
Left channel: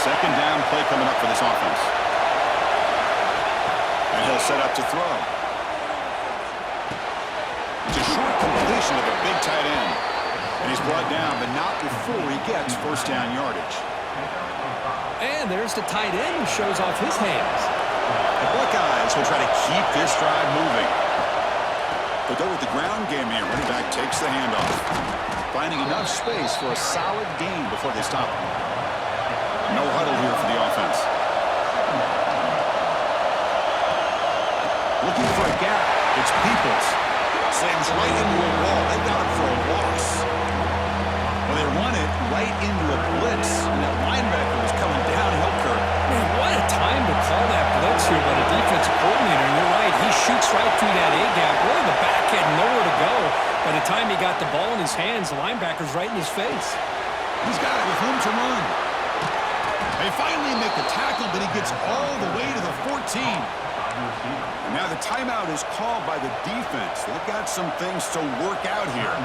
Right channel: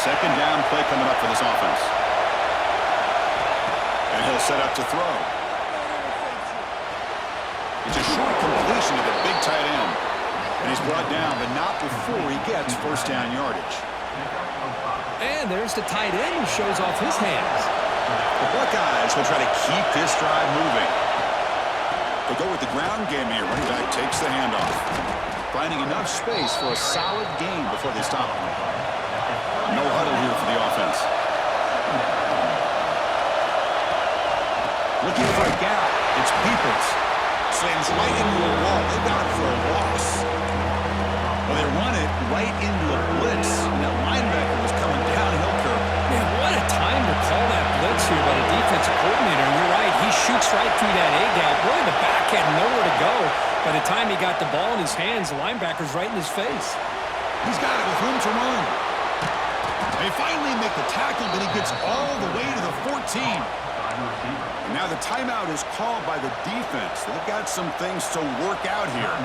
2nd down play coming up for this offense. And he'll set up to throw. It's a short completion to the big tight end. And he's brought down, but not before he gets 1st down yardage. And there's the tight end who shows off his hands. The Buckeyes will try to keep this drive moving. They go with the ground game here. Running back takes the handoff. Finding enough space for a solid gain before they stop him. No huddle here for the offense. Looking for a gap. It's Peoples. Slams right into a wall. They got him for a loss. Well, they run it right into a blitz, and that linebacker was coming downhill, Kirk. Man, what a time to call that blitz here by the defensive coordinator. And you're right, he shoots right through that A-gap. Really, the back had nowhere to go. By the time he got the ball in his hands, the linebacker's right in his face. He's got it with room to run. They finally make the tackle, but he gets all the way to the 14. And now the timeout is called by the defense. They've got some things to work out here.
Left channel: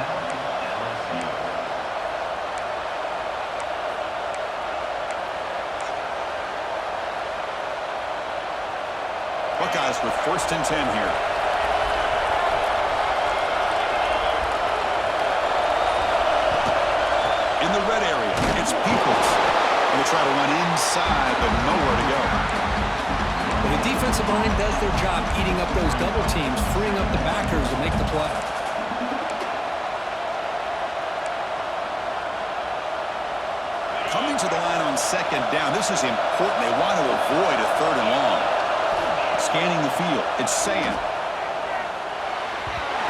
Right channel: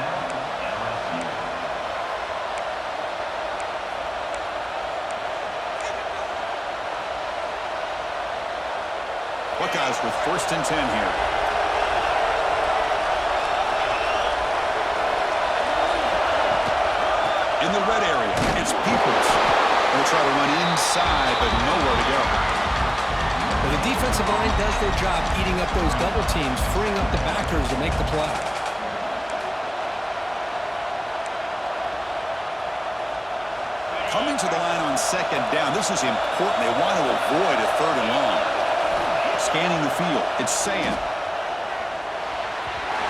Buckeyes with 1st and 10 here. In the red area, it's Peoples. They try to run inside, but nowhere to go. Well, the defensive line does their job eating up those double teams, freeing up the backers to make the play. Coming to the line on 2nd down, this is important. They want to avoid a 3rd and long. Scanning the field, it's Sayan.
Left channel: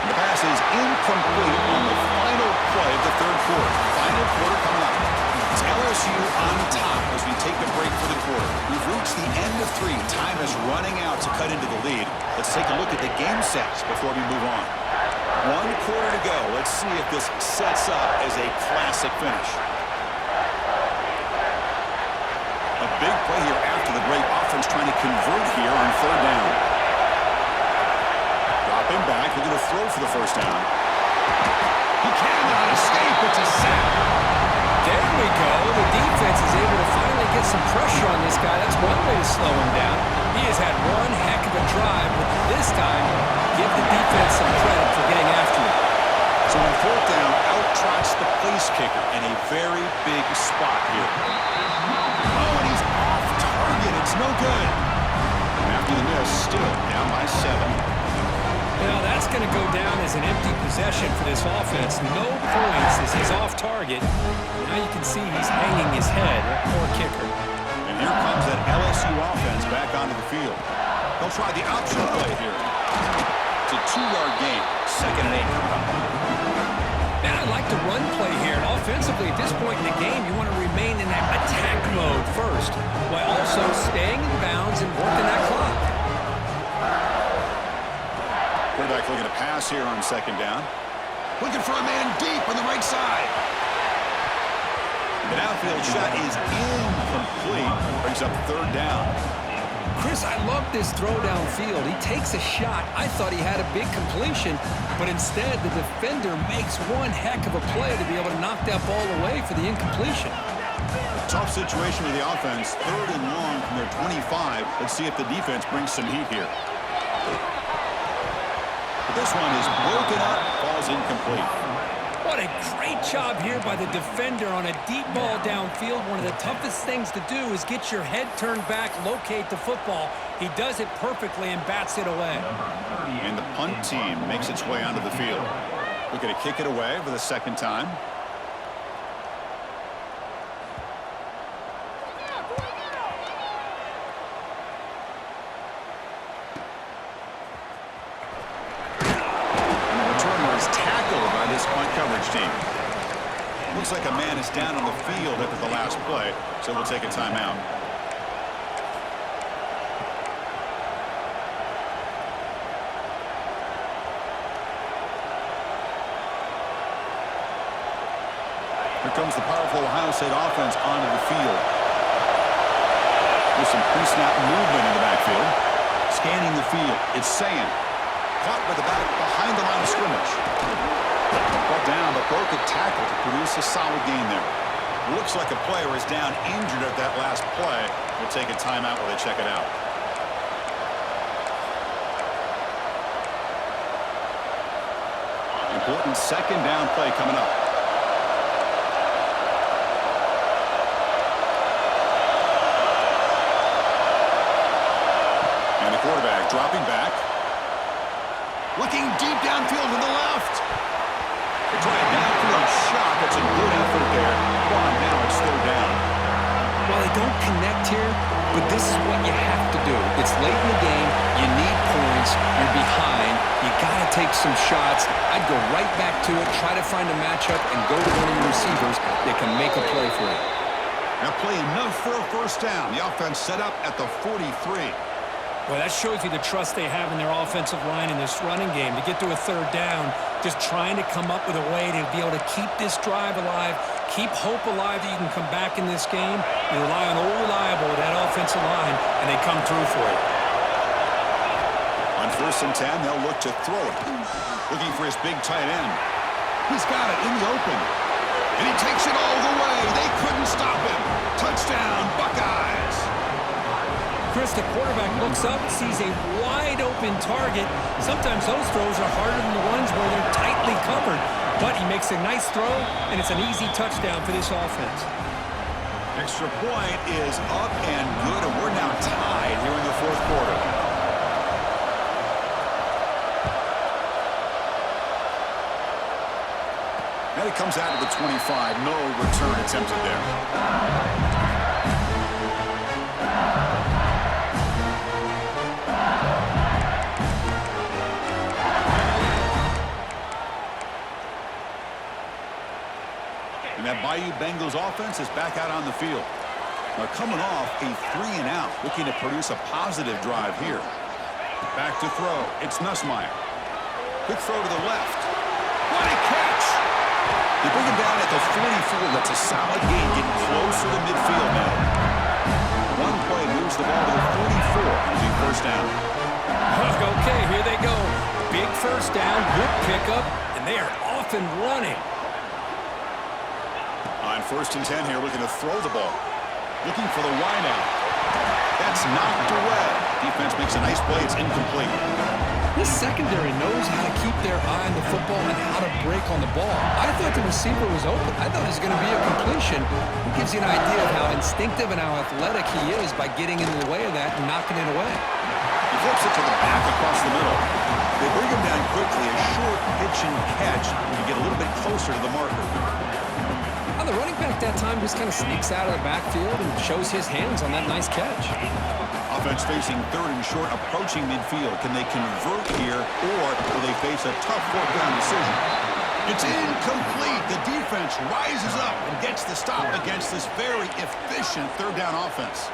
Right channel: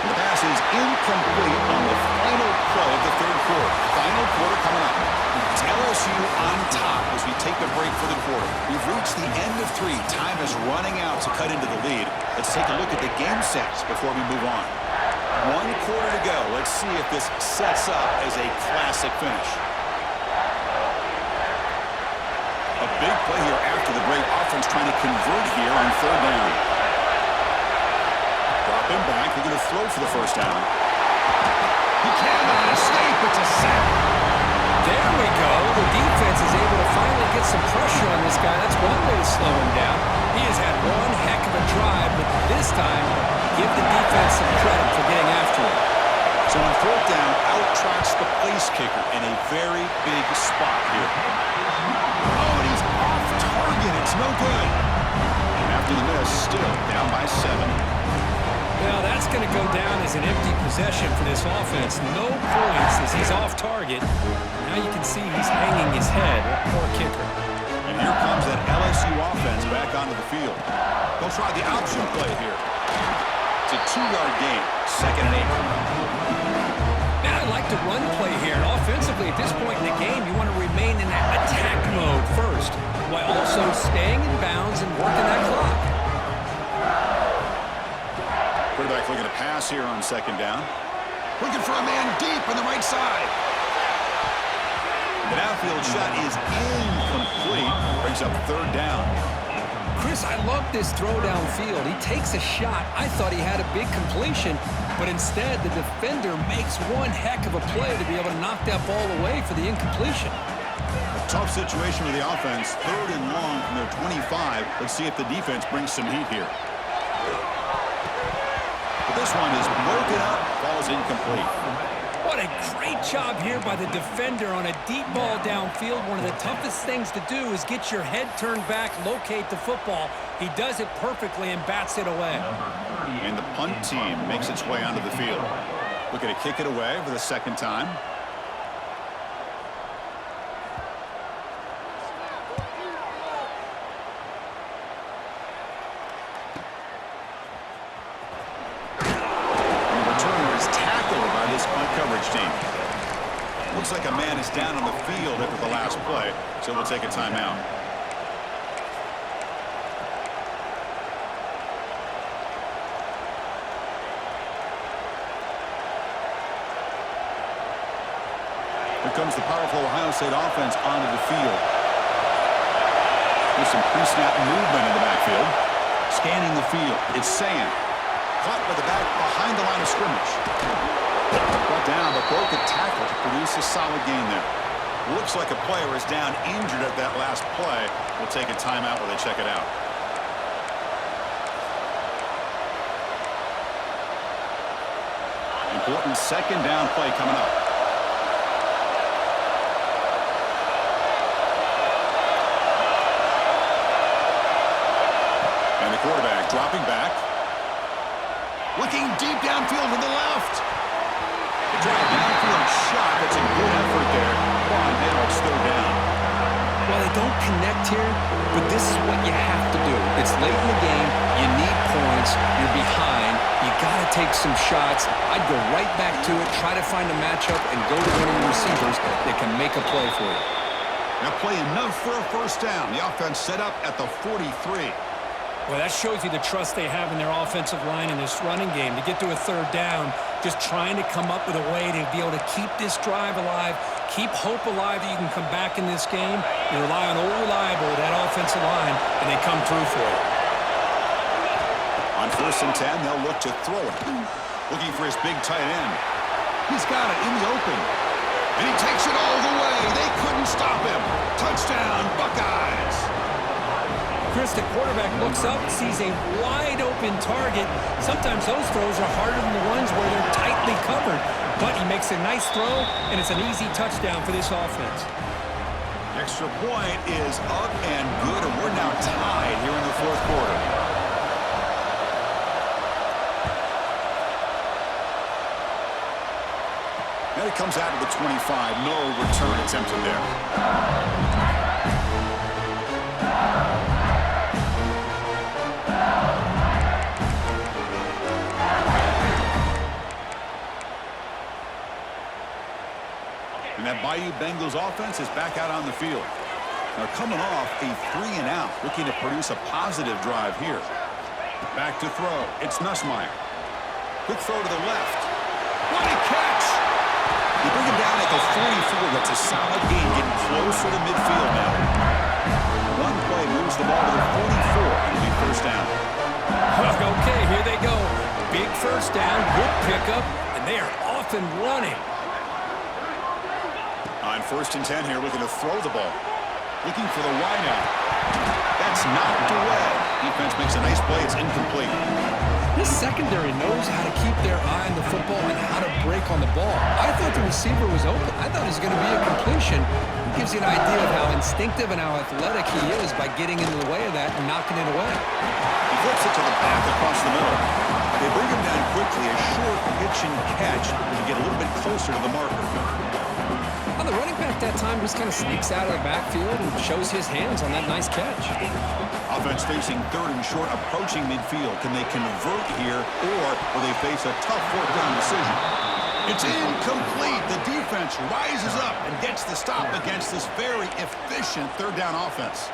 The pass is incomplete on the final play of the 3rd quarter. Final quarter coming up. It's LSU on top as we take a break for the quarter. We've reached the end of 3. Time is running out to cut into the lead. Let's take a look at the game sets before we move on. 1 quarter to go. Let's see if this sets up as a classic finish. A big play here after the break. Offense trying to convert here on 3rd down. Drop him back. They're going to throw for the 1st down. He cannot escape. It's a sack. There we go. The defense is able to finally get some pressure on this guy. That's one way to slow him down. He has had one heck of a drive, but this time, give the defense some credit for getting after it. So on 4th down, out trots the place kicker in a very big spot here. Oh, and he's off target. It's no good. And after the miss, still down by 7. Now that's going to go down as an empty possession for this offense. No points as he's off target. Now you can see he's hanging his head. Poor kicker. And here comes that LSU offense back onto the field. They'll try the option play here. It's a 2-yard gain. 2nd and 8 coming up. Now I like the run play here. And offensively, at this point in the game, you want to remain in that attack mode first, while also staying in bounds and working that clock. Quarterback looking to pass here on 2nd down. Looking for a man deep on the right side. The downfield shot is incomplete. Brings up 3rd down. Chris, I love this throw downfield. He takes a shot. I thought he had a big completion, but instead the defender makes one heck of a play to be able to knock that ball away for the incompletion. A tough situation for the offense. 3rd and long from their 25. Let's see if the defense brings some heat here. But this one is broken up, falls incomplete. What a great job here by the defender on a deep ball downfield. One of the toughest things to do is get your head turned back, locate the football. He does it perfectly and bats it away. And the punt team makes its way onto the field. Looking to kick it away for the 2nd time. By this punt coverage team. Looks like a man is down on the field after the last play, so we'll take a timeout. Here comes the powerful Ohio State offense onto the field. With some pre-snap movement in the backfield. Scanning the field, it's Sayan. Caught by the back behind the line of scrimmage. Brought down, but broke a tackle to produce a solid gain there. Looks like a player is down injured at that last play. We'll take a timeout while they check it out. Important 2nd down play coming up. And the quarterback dropping back. Looking deep downfield to the left. They try a downfield shot. That's a good effort there. But now it's 3rd down. Well, they don't connect here, but this is what you have to do. It's late in the game. You need points. You're behind. You got to take some shots. I'd go right back to it, try to find a matchup, and go to one of your receivers that can make a play for you. Now play enough for a first down. The offense set up at the 43. Well, that shows you the trust they have in their offensive line in this running game. To get to a third down, just trying to come up with a way to be able to keep this drive alive, keep hope alive that you can come back in this game. You rely on old reliable, that offensive line, and they come through for you. On 1st and 10, they'll look to throw it. Looking for his big tight end. He's got it in the open. And he takes it all the way. They couldn't stop him. Touchdown, Buckeyes. Chris, the quarterback looks up, sees a wide-open target. Sometimes those throws are harder than the ones where they're tightly covered. But he makes a nice throw, and it's an easy touchdown for this offense. Extra point is up and good, and we're now tied here in the 4th quarter. And it comes out to the 25. No return attempted there. And that Bayou Bengals offense is back out on the field. They're coming off a 3-and-out, looking to produce a positive drive here. Back to throw. It's Nussmeier. Quick throw to the left. What a catch! They bring him down at the 44. That's a solid gain, getting closer to midfield now. One play moves the ball to the 44. It'll be first down. Okay, here they go. Big first down, good pickup, and they are off and running. On 1st and 10 here, looking to throw the ball. Looking for the wideout. That's knocked away. Defense makes a nice play. It's incomplete. This secondary knows how to keep their eye on the football and how to break on the ball. I thought the receiver was open. I thought it was going to be a completion. It gives you an idea of how instinctive and how athletic he is by getting into the way of that and knocking it away. He flips it to the back across the middle. They bring him down quickly. A short pitch and catch to get a little bit closer to the marker. Well, the running back that time just kind of sneaks out of the backfield and shows his hands on that nice catch. Offense facing 3rd and short, approaching midfield. Can they convert here, or will they face a tough 4th down decision? It's incomplete. The defense rises up and gets the stop against this very efficient 3rd down offense.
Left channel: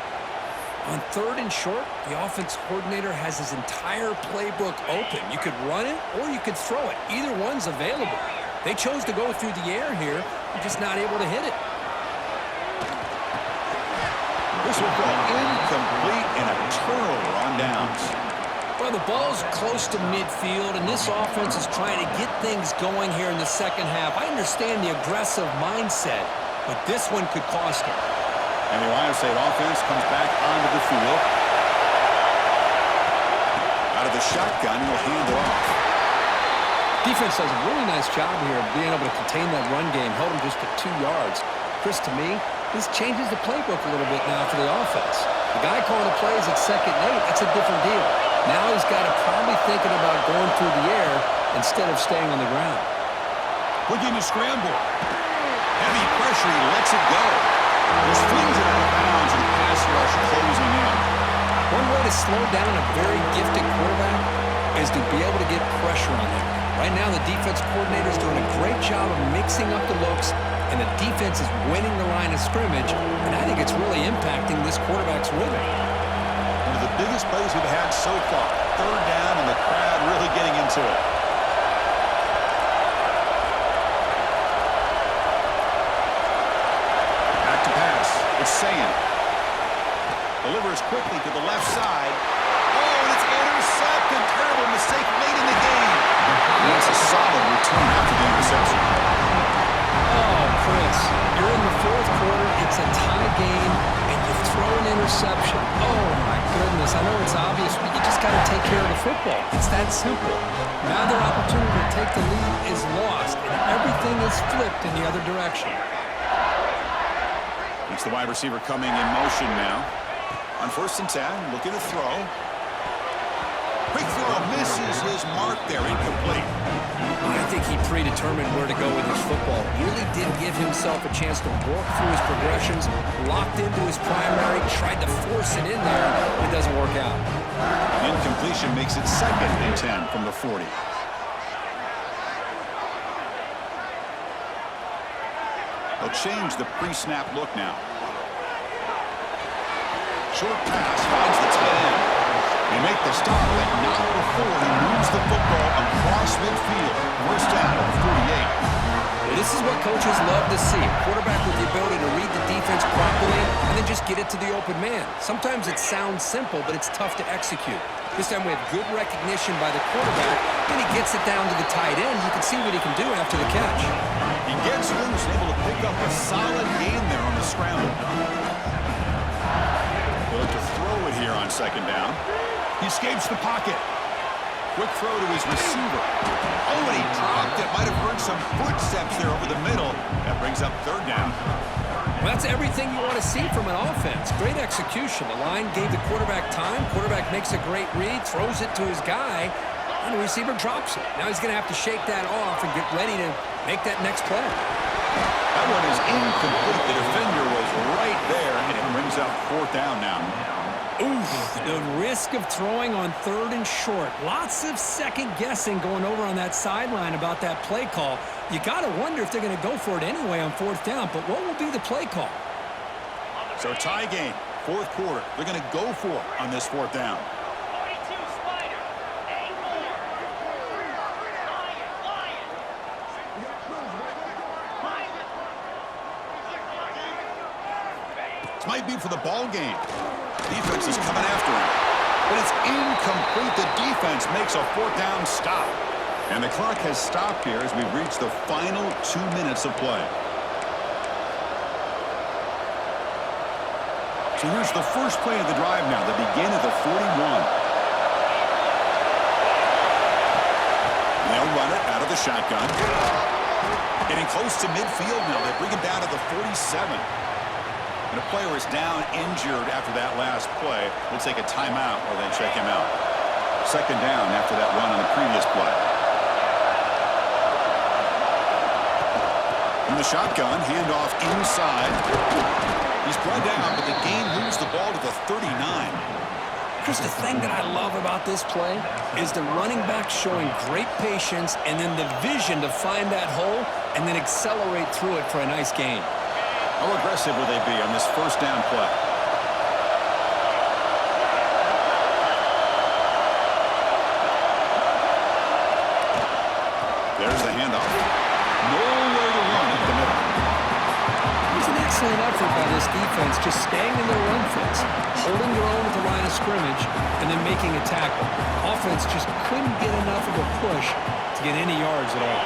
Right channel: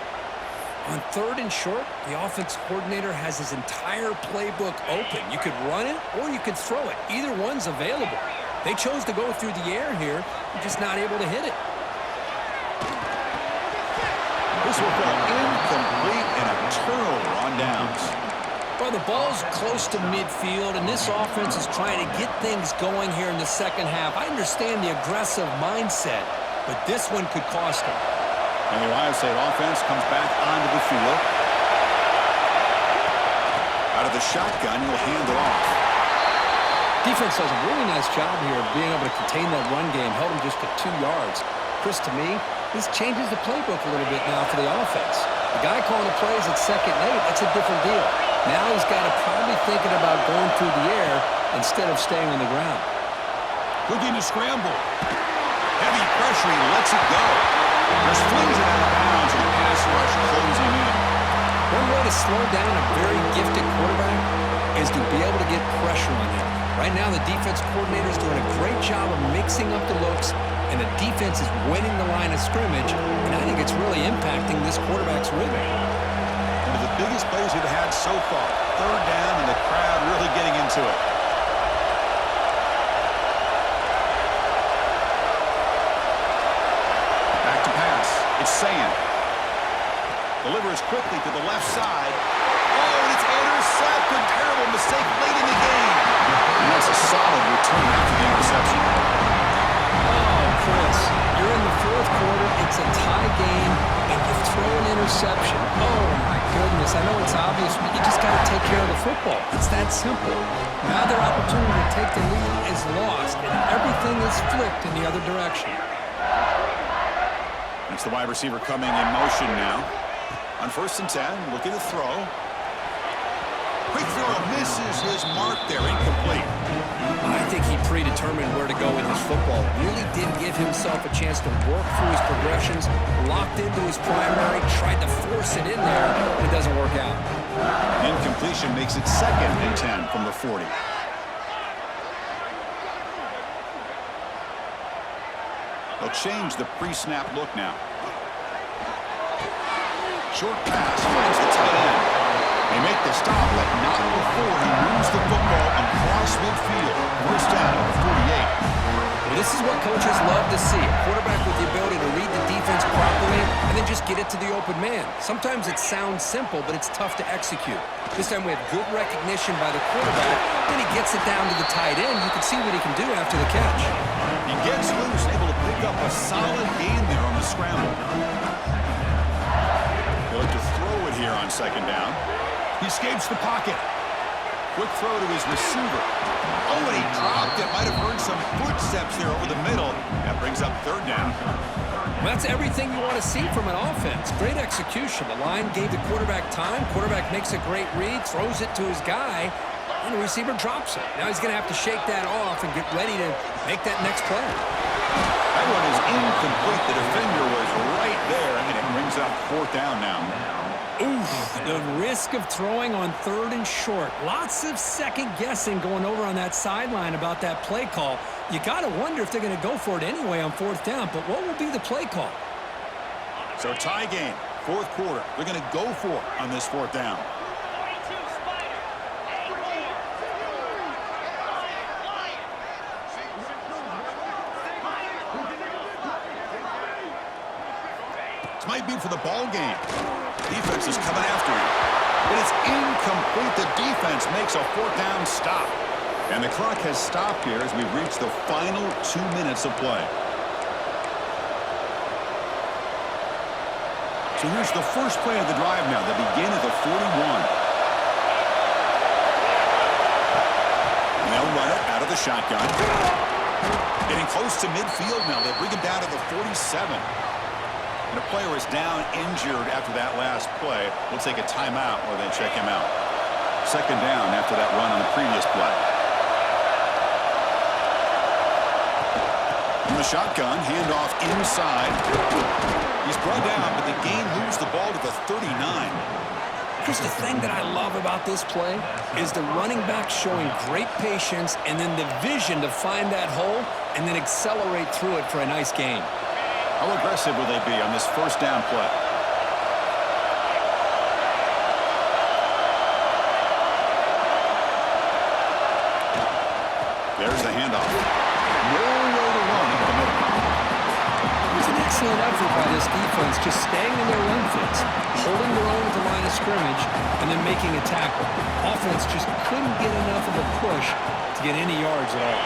On 3rd and short, the offense coordinator has his entire playbook open. You could run it or you could throw it. Either one's available. They chose to go through the air here. They're just not able to hit it. This will fall incomplete and a turnover on downs. Well, the ball's close to midfield, and this offense is trying to get things going here in the second half. I understand the aggressive mindset, but this one could cost them. And the Ohio State offense comes back onto the field. Out of the shotgun, he'll hand it off. Defense does a really nice job here of being able to contain that run game, held him just to 2 yards. Chris, to me, this changes the playbook a little bit now for the offense. The guy calling the plays at 2nd and 8, that's a different deal. Now he's got to probably thinking about going through the air instead of staying on the ground. Looking to scramble. Heavy pressure, he lets it go. Just flings it out of bounds and pass rush closing in. One way to slow down a very gifted quarterback is to be able to get pressure on him. Right now, the defense coordinator is doing a great job of mixing up the looks, and the defense is winning the line of scrimmage, and I think it's really impacting this quarterback's rhythm. One of the biggest plays we've had so far. 3rd down, and the crowd really getting into it. Back to pass. It's Sayan. Delivers quickly to the left side. Oh, and it's intercepted. Terrible mistake late in the game. And that's a solid return after the interception. Oh, Chris, you're in the 4th quarter. It's a tie game, and you throw an interception. Oh, my goodness. I know it's obvious, but you just got to take care of the football. It's that simple. Now their opportunity to take the lead is lost, and everything is flipped in the other direction. It's the wide receiver coming in motion now. On 1st and 10, looking to throw. Quick throw misses his mark there, incomplete. I think he predetermined where to go with his football. Really didn't give himself a chance to work through his progressions, locked into his primary, tried to force it in there, and it doesn't work out. Incompletion makes it 2nd and 10 from the 40. They'll change the pre-snap look now. Short pass finds the tight end. They make the stop, but not before he moves the football across midfield. First down at the 48. Well, this is what coaches love to see. A quarterback with the ability to read the defense properly and then just get it to the open man. Sometimes it sounds simple, but it's tough to execute. This time we have good recognition by the quarterback, and he gets it down to the tight end. You can see what he can do after the catch. He gets loose and able to pick up a solid gain there on the scramble. He'll look to throw it here on 2nd down. He escapes the pocket. Quick throw to his receiver. Oh, and he dropped it. Might have heard some footsteps there over the middle. That brings up 3rd down. Well, that's everything you want to see from an offense. Great execution. The line gave the quarterback time. Quarterback makes a great read, throws it to his guy, and the receiver drops it. Now he's going to have to shake that off and get ready to make that next play. That one is incomplete. The defender was right there, and it brings up 4th down now. Ooh, the risk of throwing on 3rd and short. Lots of second guessing going over on that sideline about that play call. You got to wonder if they're going to go for it anyway on 4th down, but what will be the play call? So tie game, 4th quarter. They're going to go for it on this 4th down. 42 Spider, 8 more. Lion. This might be for the ball game. Defense is coming after him. But it's incomplete. The defense makes a 4th down stop. And the clock has stopped here as we've reached the final 2 minutes of play. So here's the first play of the drive now. They begin at the 41. And they'll run it out of the shotgun. Getting close to midfield now. They bring him down to the 47. And a player is down injured after that last play. We'll take a timeout or they check him out. 2nd down after that run on the previous play. From the shotgun, handoff inside. He's brought down, but the game moves the ball to the 39. Chris, the thing that I love about this play is the running back showing great patience and then the vision to find that hole and then accelerate through it for a nice gain. How aggressive will they be on this 1st down play? There's the handoff. Nowhere to run up the middle. It was an excellent effort by this defense, just staying in their run fits, holding their own at the line of scrimmage, and then making a tackle. Offense just couldn't get enough of a push to get any yards at all.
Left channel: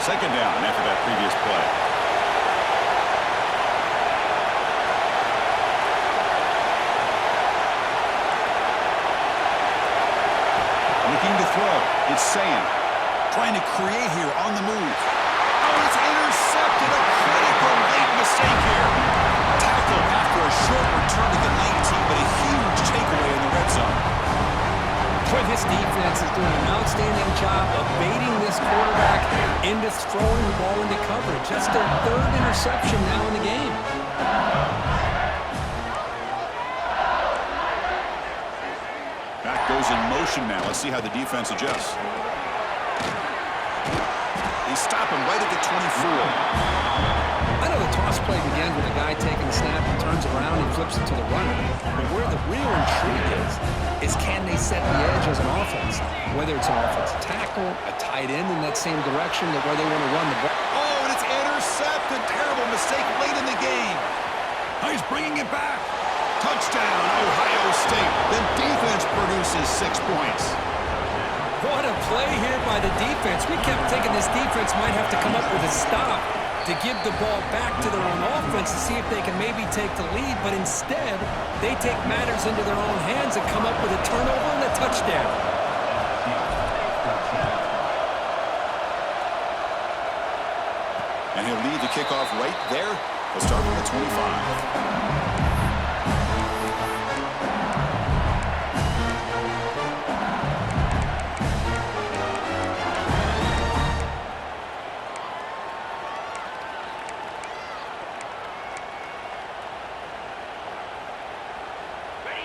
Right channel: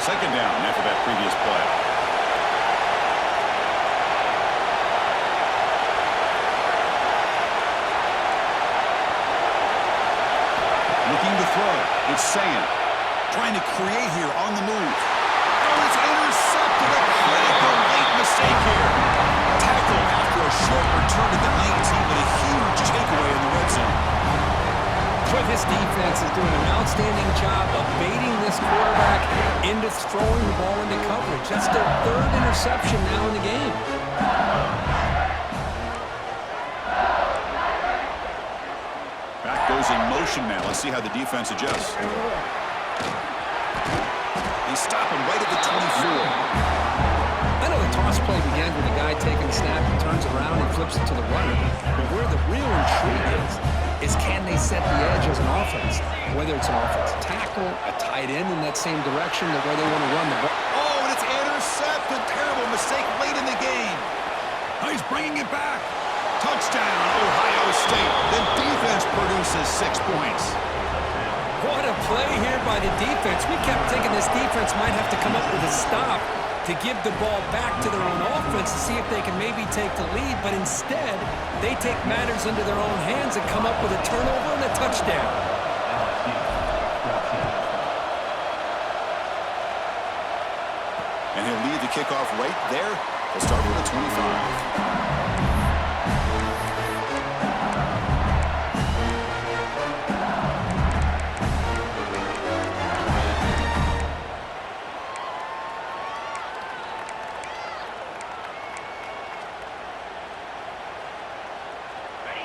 2nd down after that previous play. Looking to throw. It's Sayan. Trying to create here on the move. Oh, it's intercepted. A critical late mistake here. Tackle after a short return to the 19, but a huge takeaway in the red zone. Boy, this defense is doing an outstanding job of baiting this quarterback into throwing the ball into coverage. That's their 3rd interception now in the game. Back goes in motion now. Let's see how the defense adjusts. They stop him right at the 24. I know the toss play begins with a guy taking the snap and turns around and flips it to the runner. But where the real intrigue is can they set the edge as an offense? Whether it's an offensive tackle, a tight end in that same direction, where they want to run the ball. Oh, and it's intercepted. Terrible mistake late in the game. Oh, he's bringing it back. Touchdown, Ohio State. The defense produces 6 points. What a play here by the defense. We kept thinking this defense might have to come up with a stop to give the ball back to their own offense to see if they can maybe take the lead, but instead, they take matters into their own hands and come up with a turnover and a touchdown. And he'll lead the kickoff right there. He'll start from the 25.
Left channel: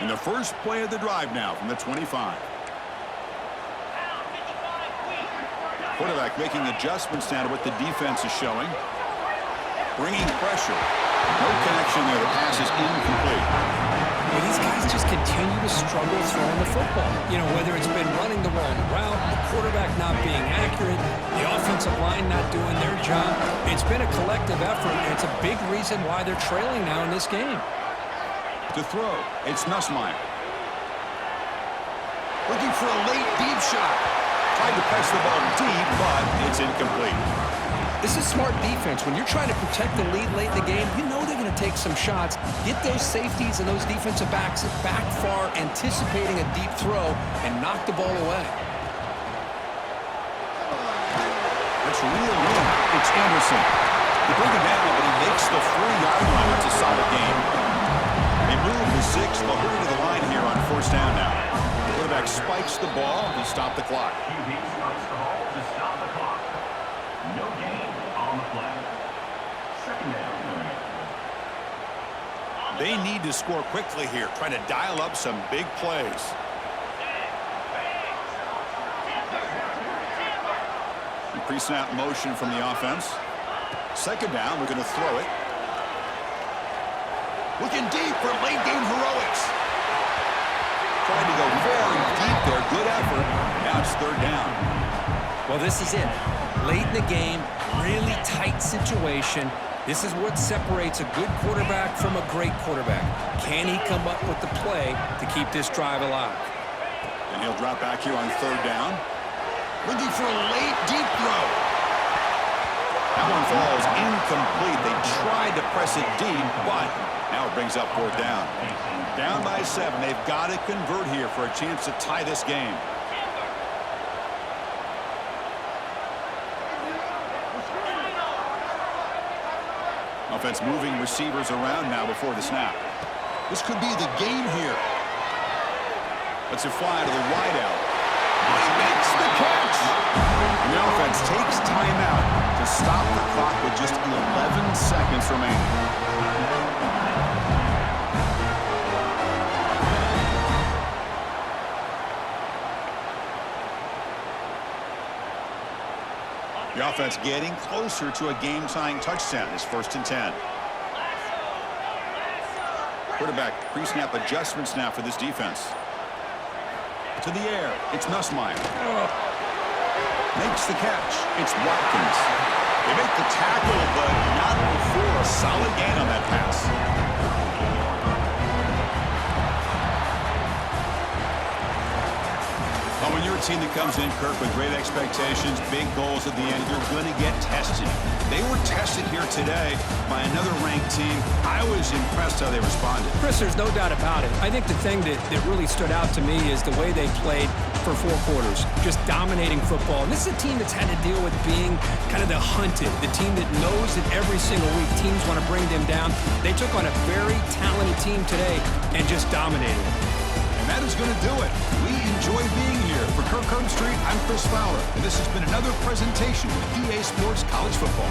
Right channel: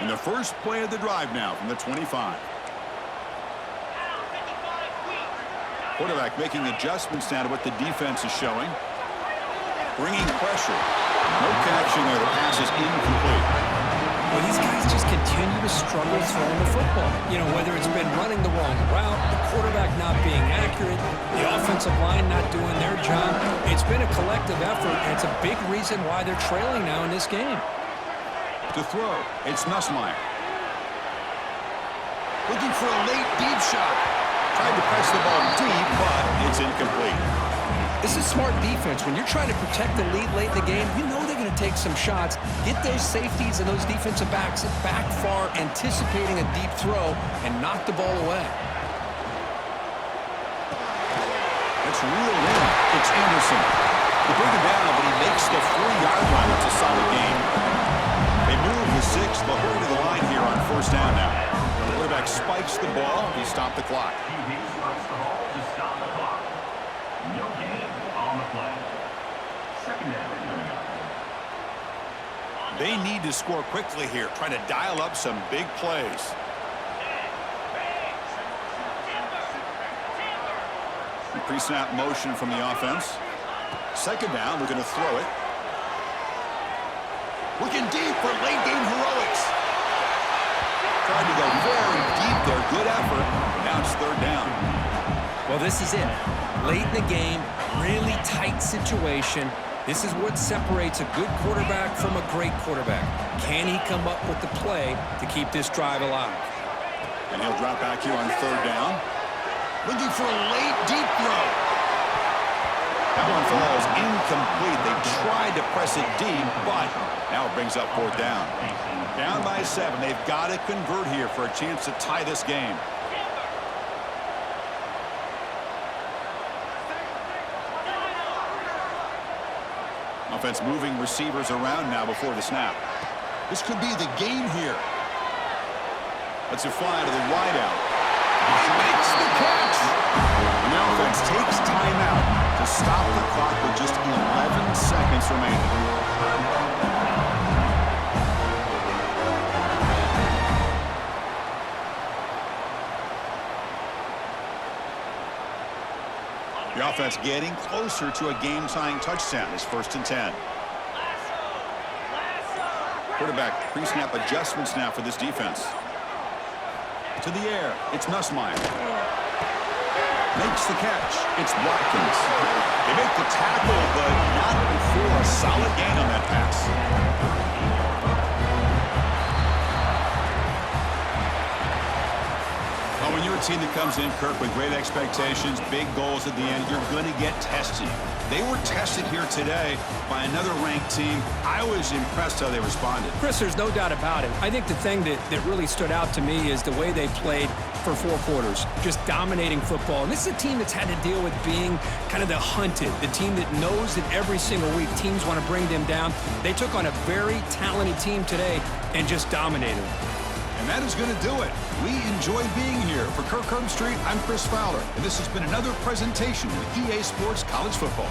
And the first play of the drive now from the 25. Quarterback making adjustments now to what the defense is showing. Bringing pressure. No connection there. The pass is incomplete. Well, these guys just continue to struggle throwing the football. You know, whether it's been running the wrong route, the quarterback not being accurate, the offensive line not doing their job. It's been a collective effort, and it's a big reason why they're trailing now in this game. To throw, it's Nussmeier. Looking for a late deep shot. Tried to press the ball deep, but it's incomplete. This is smart defense. When you're trying to protect the lead late in the game, you know they're going to take some shots, get those safeties and those defensive backs back far, anticipating a deep throw, and knock the ball away. It's reeled in. It's Anderson. They bring him down, but he makes the 4-yard line. That's a solid game. They move the 6. They'll hurry to the line here on first down now. The quarterback spikes the ball. He stopped the clock. QB spikes the ball to stop the clock. No gain on the play. Second down coming up. They need to score quickly here, trying to dial up some big plays. The pre-snap motion from the offense. Second down, we're going to throw it. Looking deep for late game heroics. Tried to go very deep there. Good effort. Now it's third down. Well, this is it. Late in the game, really tight situation. This is what separates a good quarterback from a great quarterback. Can he come up with the play to keep this drive alive? And he'll drop back here on third down. Looking for a late deep throw. That one falls incomplete. They tried to press it deep, but now it brings up fourth down. Down by 7. They've got to convert here for a chance to tie this game. Offense moving receivers around now before the snap. This could be the game here. Lets it fly to the wideout. Oh, he makes the catch. And the offense takes timeout to stop the clock with just 11 seconds remaining. The offense getting closer to a game-tying touchdown. It's first and 10. Quarterback pre-snap adjustments now for this defense. To the air. It's Nussmeier. Makes the catch. It's Watkins. They make the tackle, but not before a solid gain on that pass. Well, when you're a team that comes in, Kirk, with great expectations, big goals at the end, you're going to get tested. They were tested here today by another ranked team. I was impressed how they responded. Chris, there's no doubt about it. I think the thing that really stood out to me is the way they played for 4 quarters, just dominating football. And this is a team that's had to deal with being kind of the hunted, the team that knows that every single week teams want to bring them down. They took on a very talented team today and just dominated it. And that is going to do it. We enjoy being here. For Kirk Herbstreit, I'm Chris Fowler, and this has been another presentation of EA Sports College Football.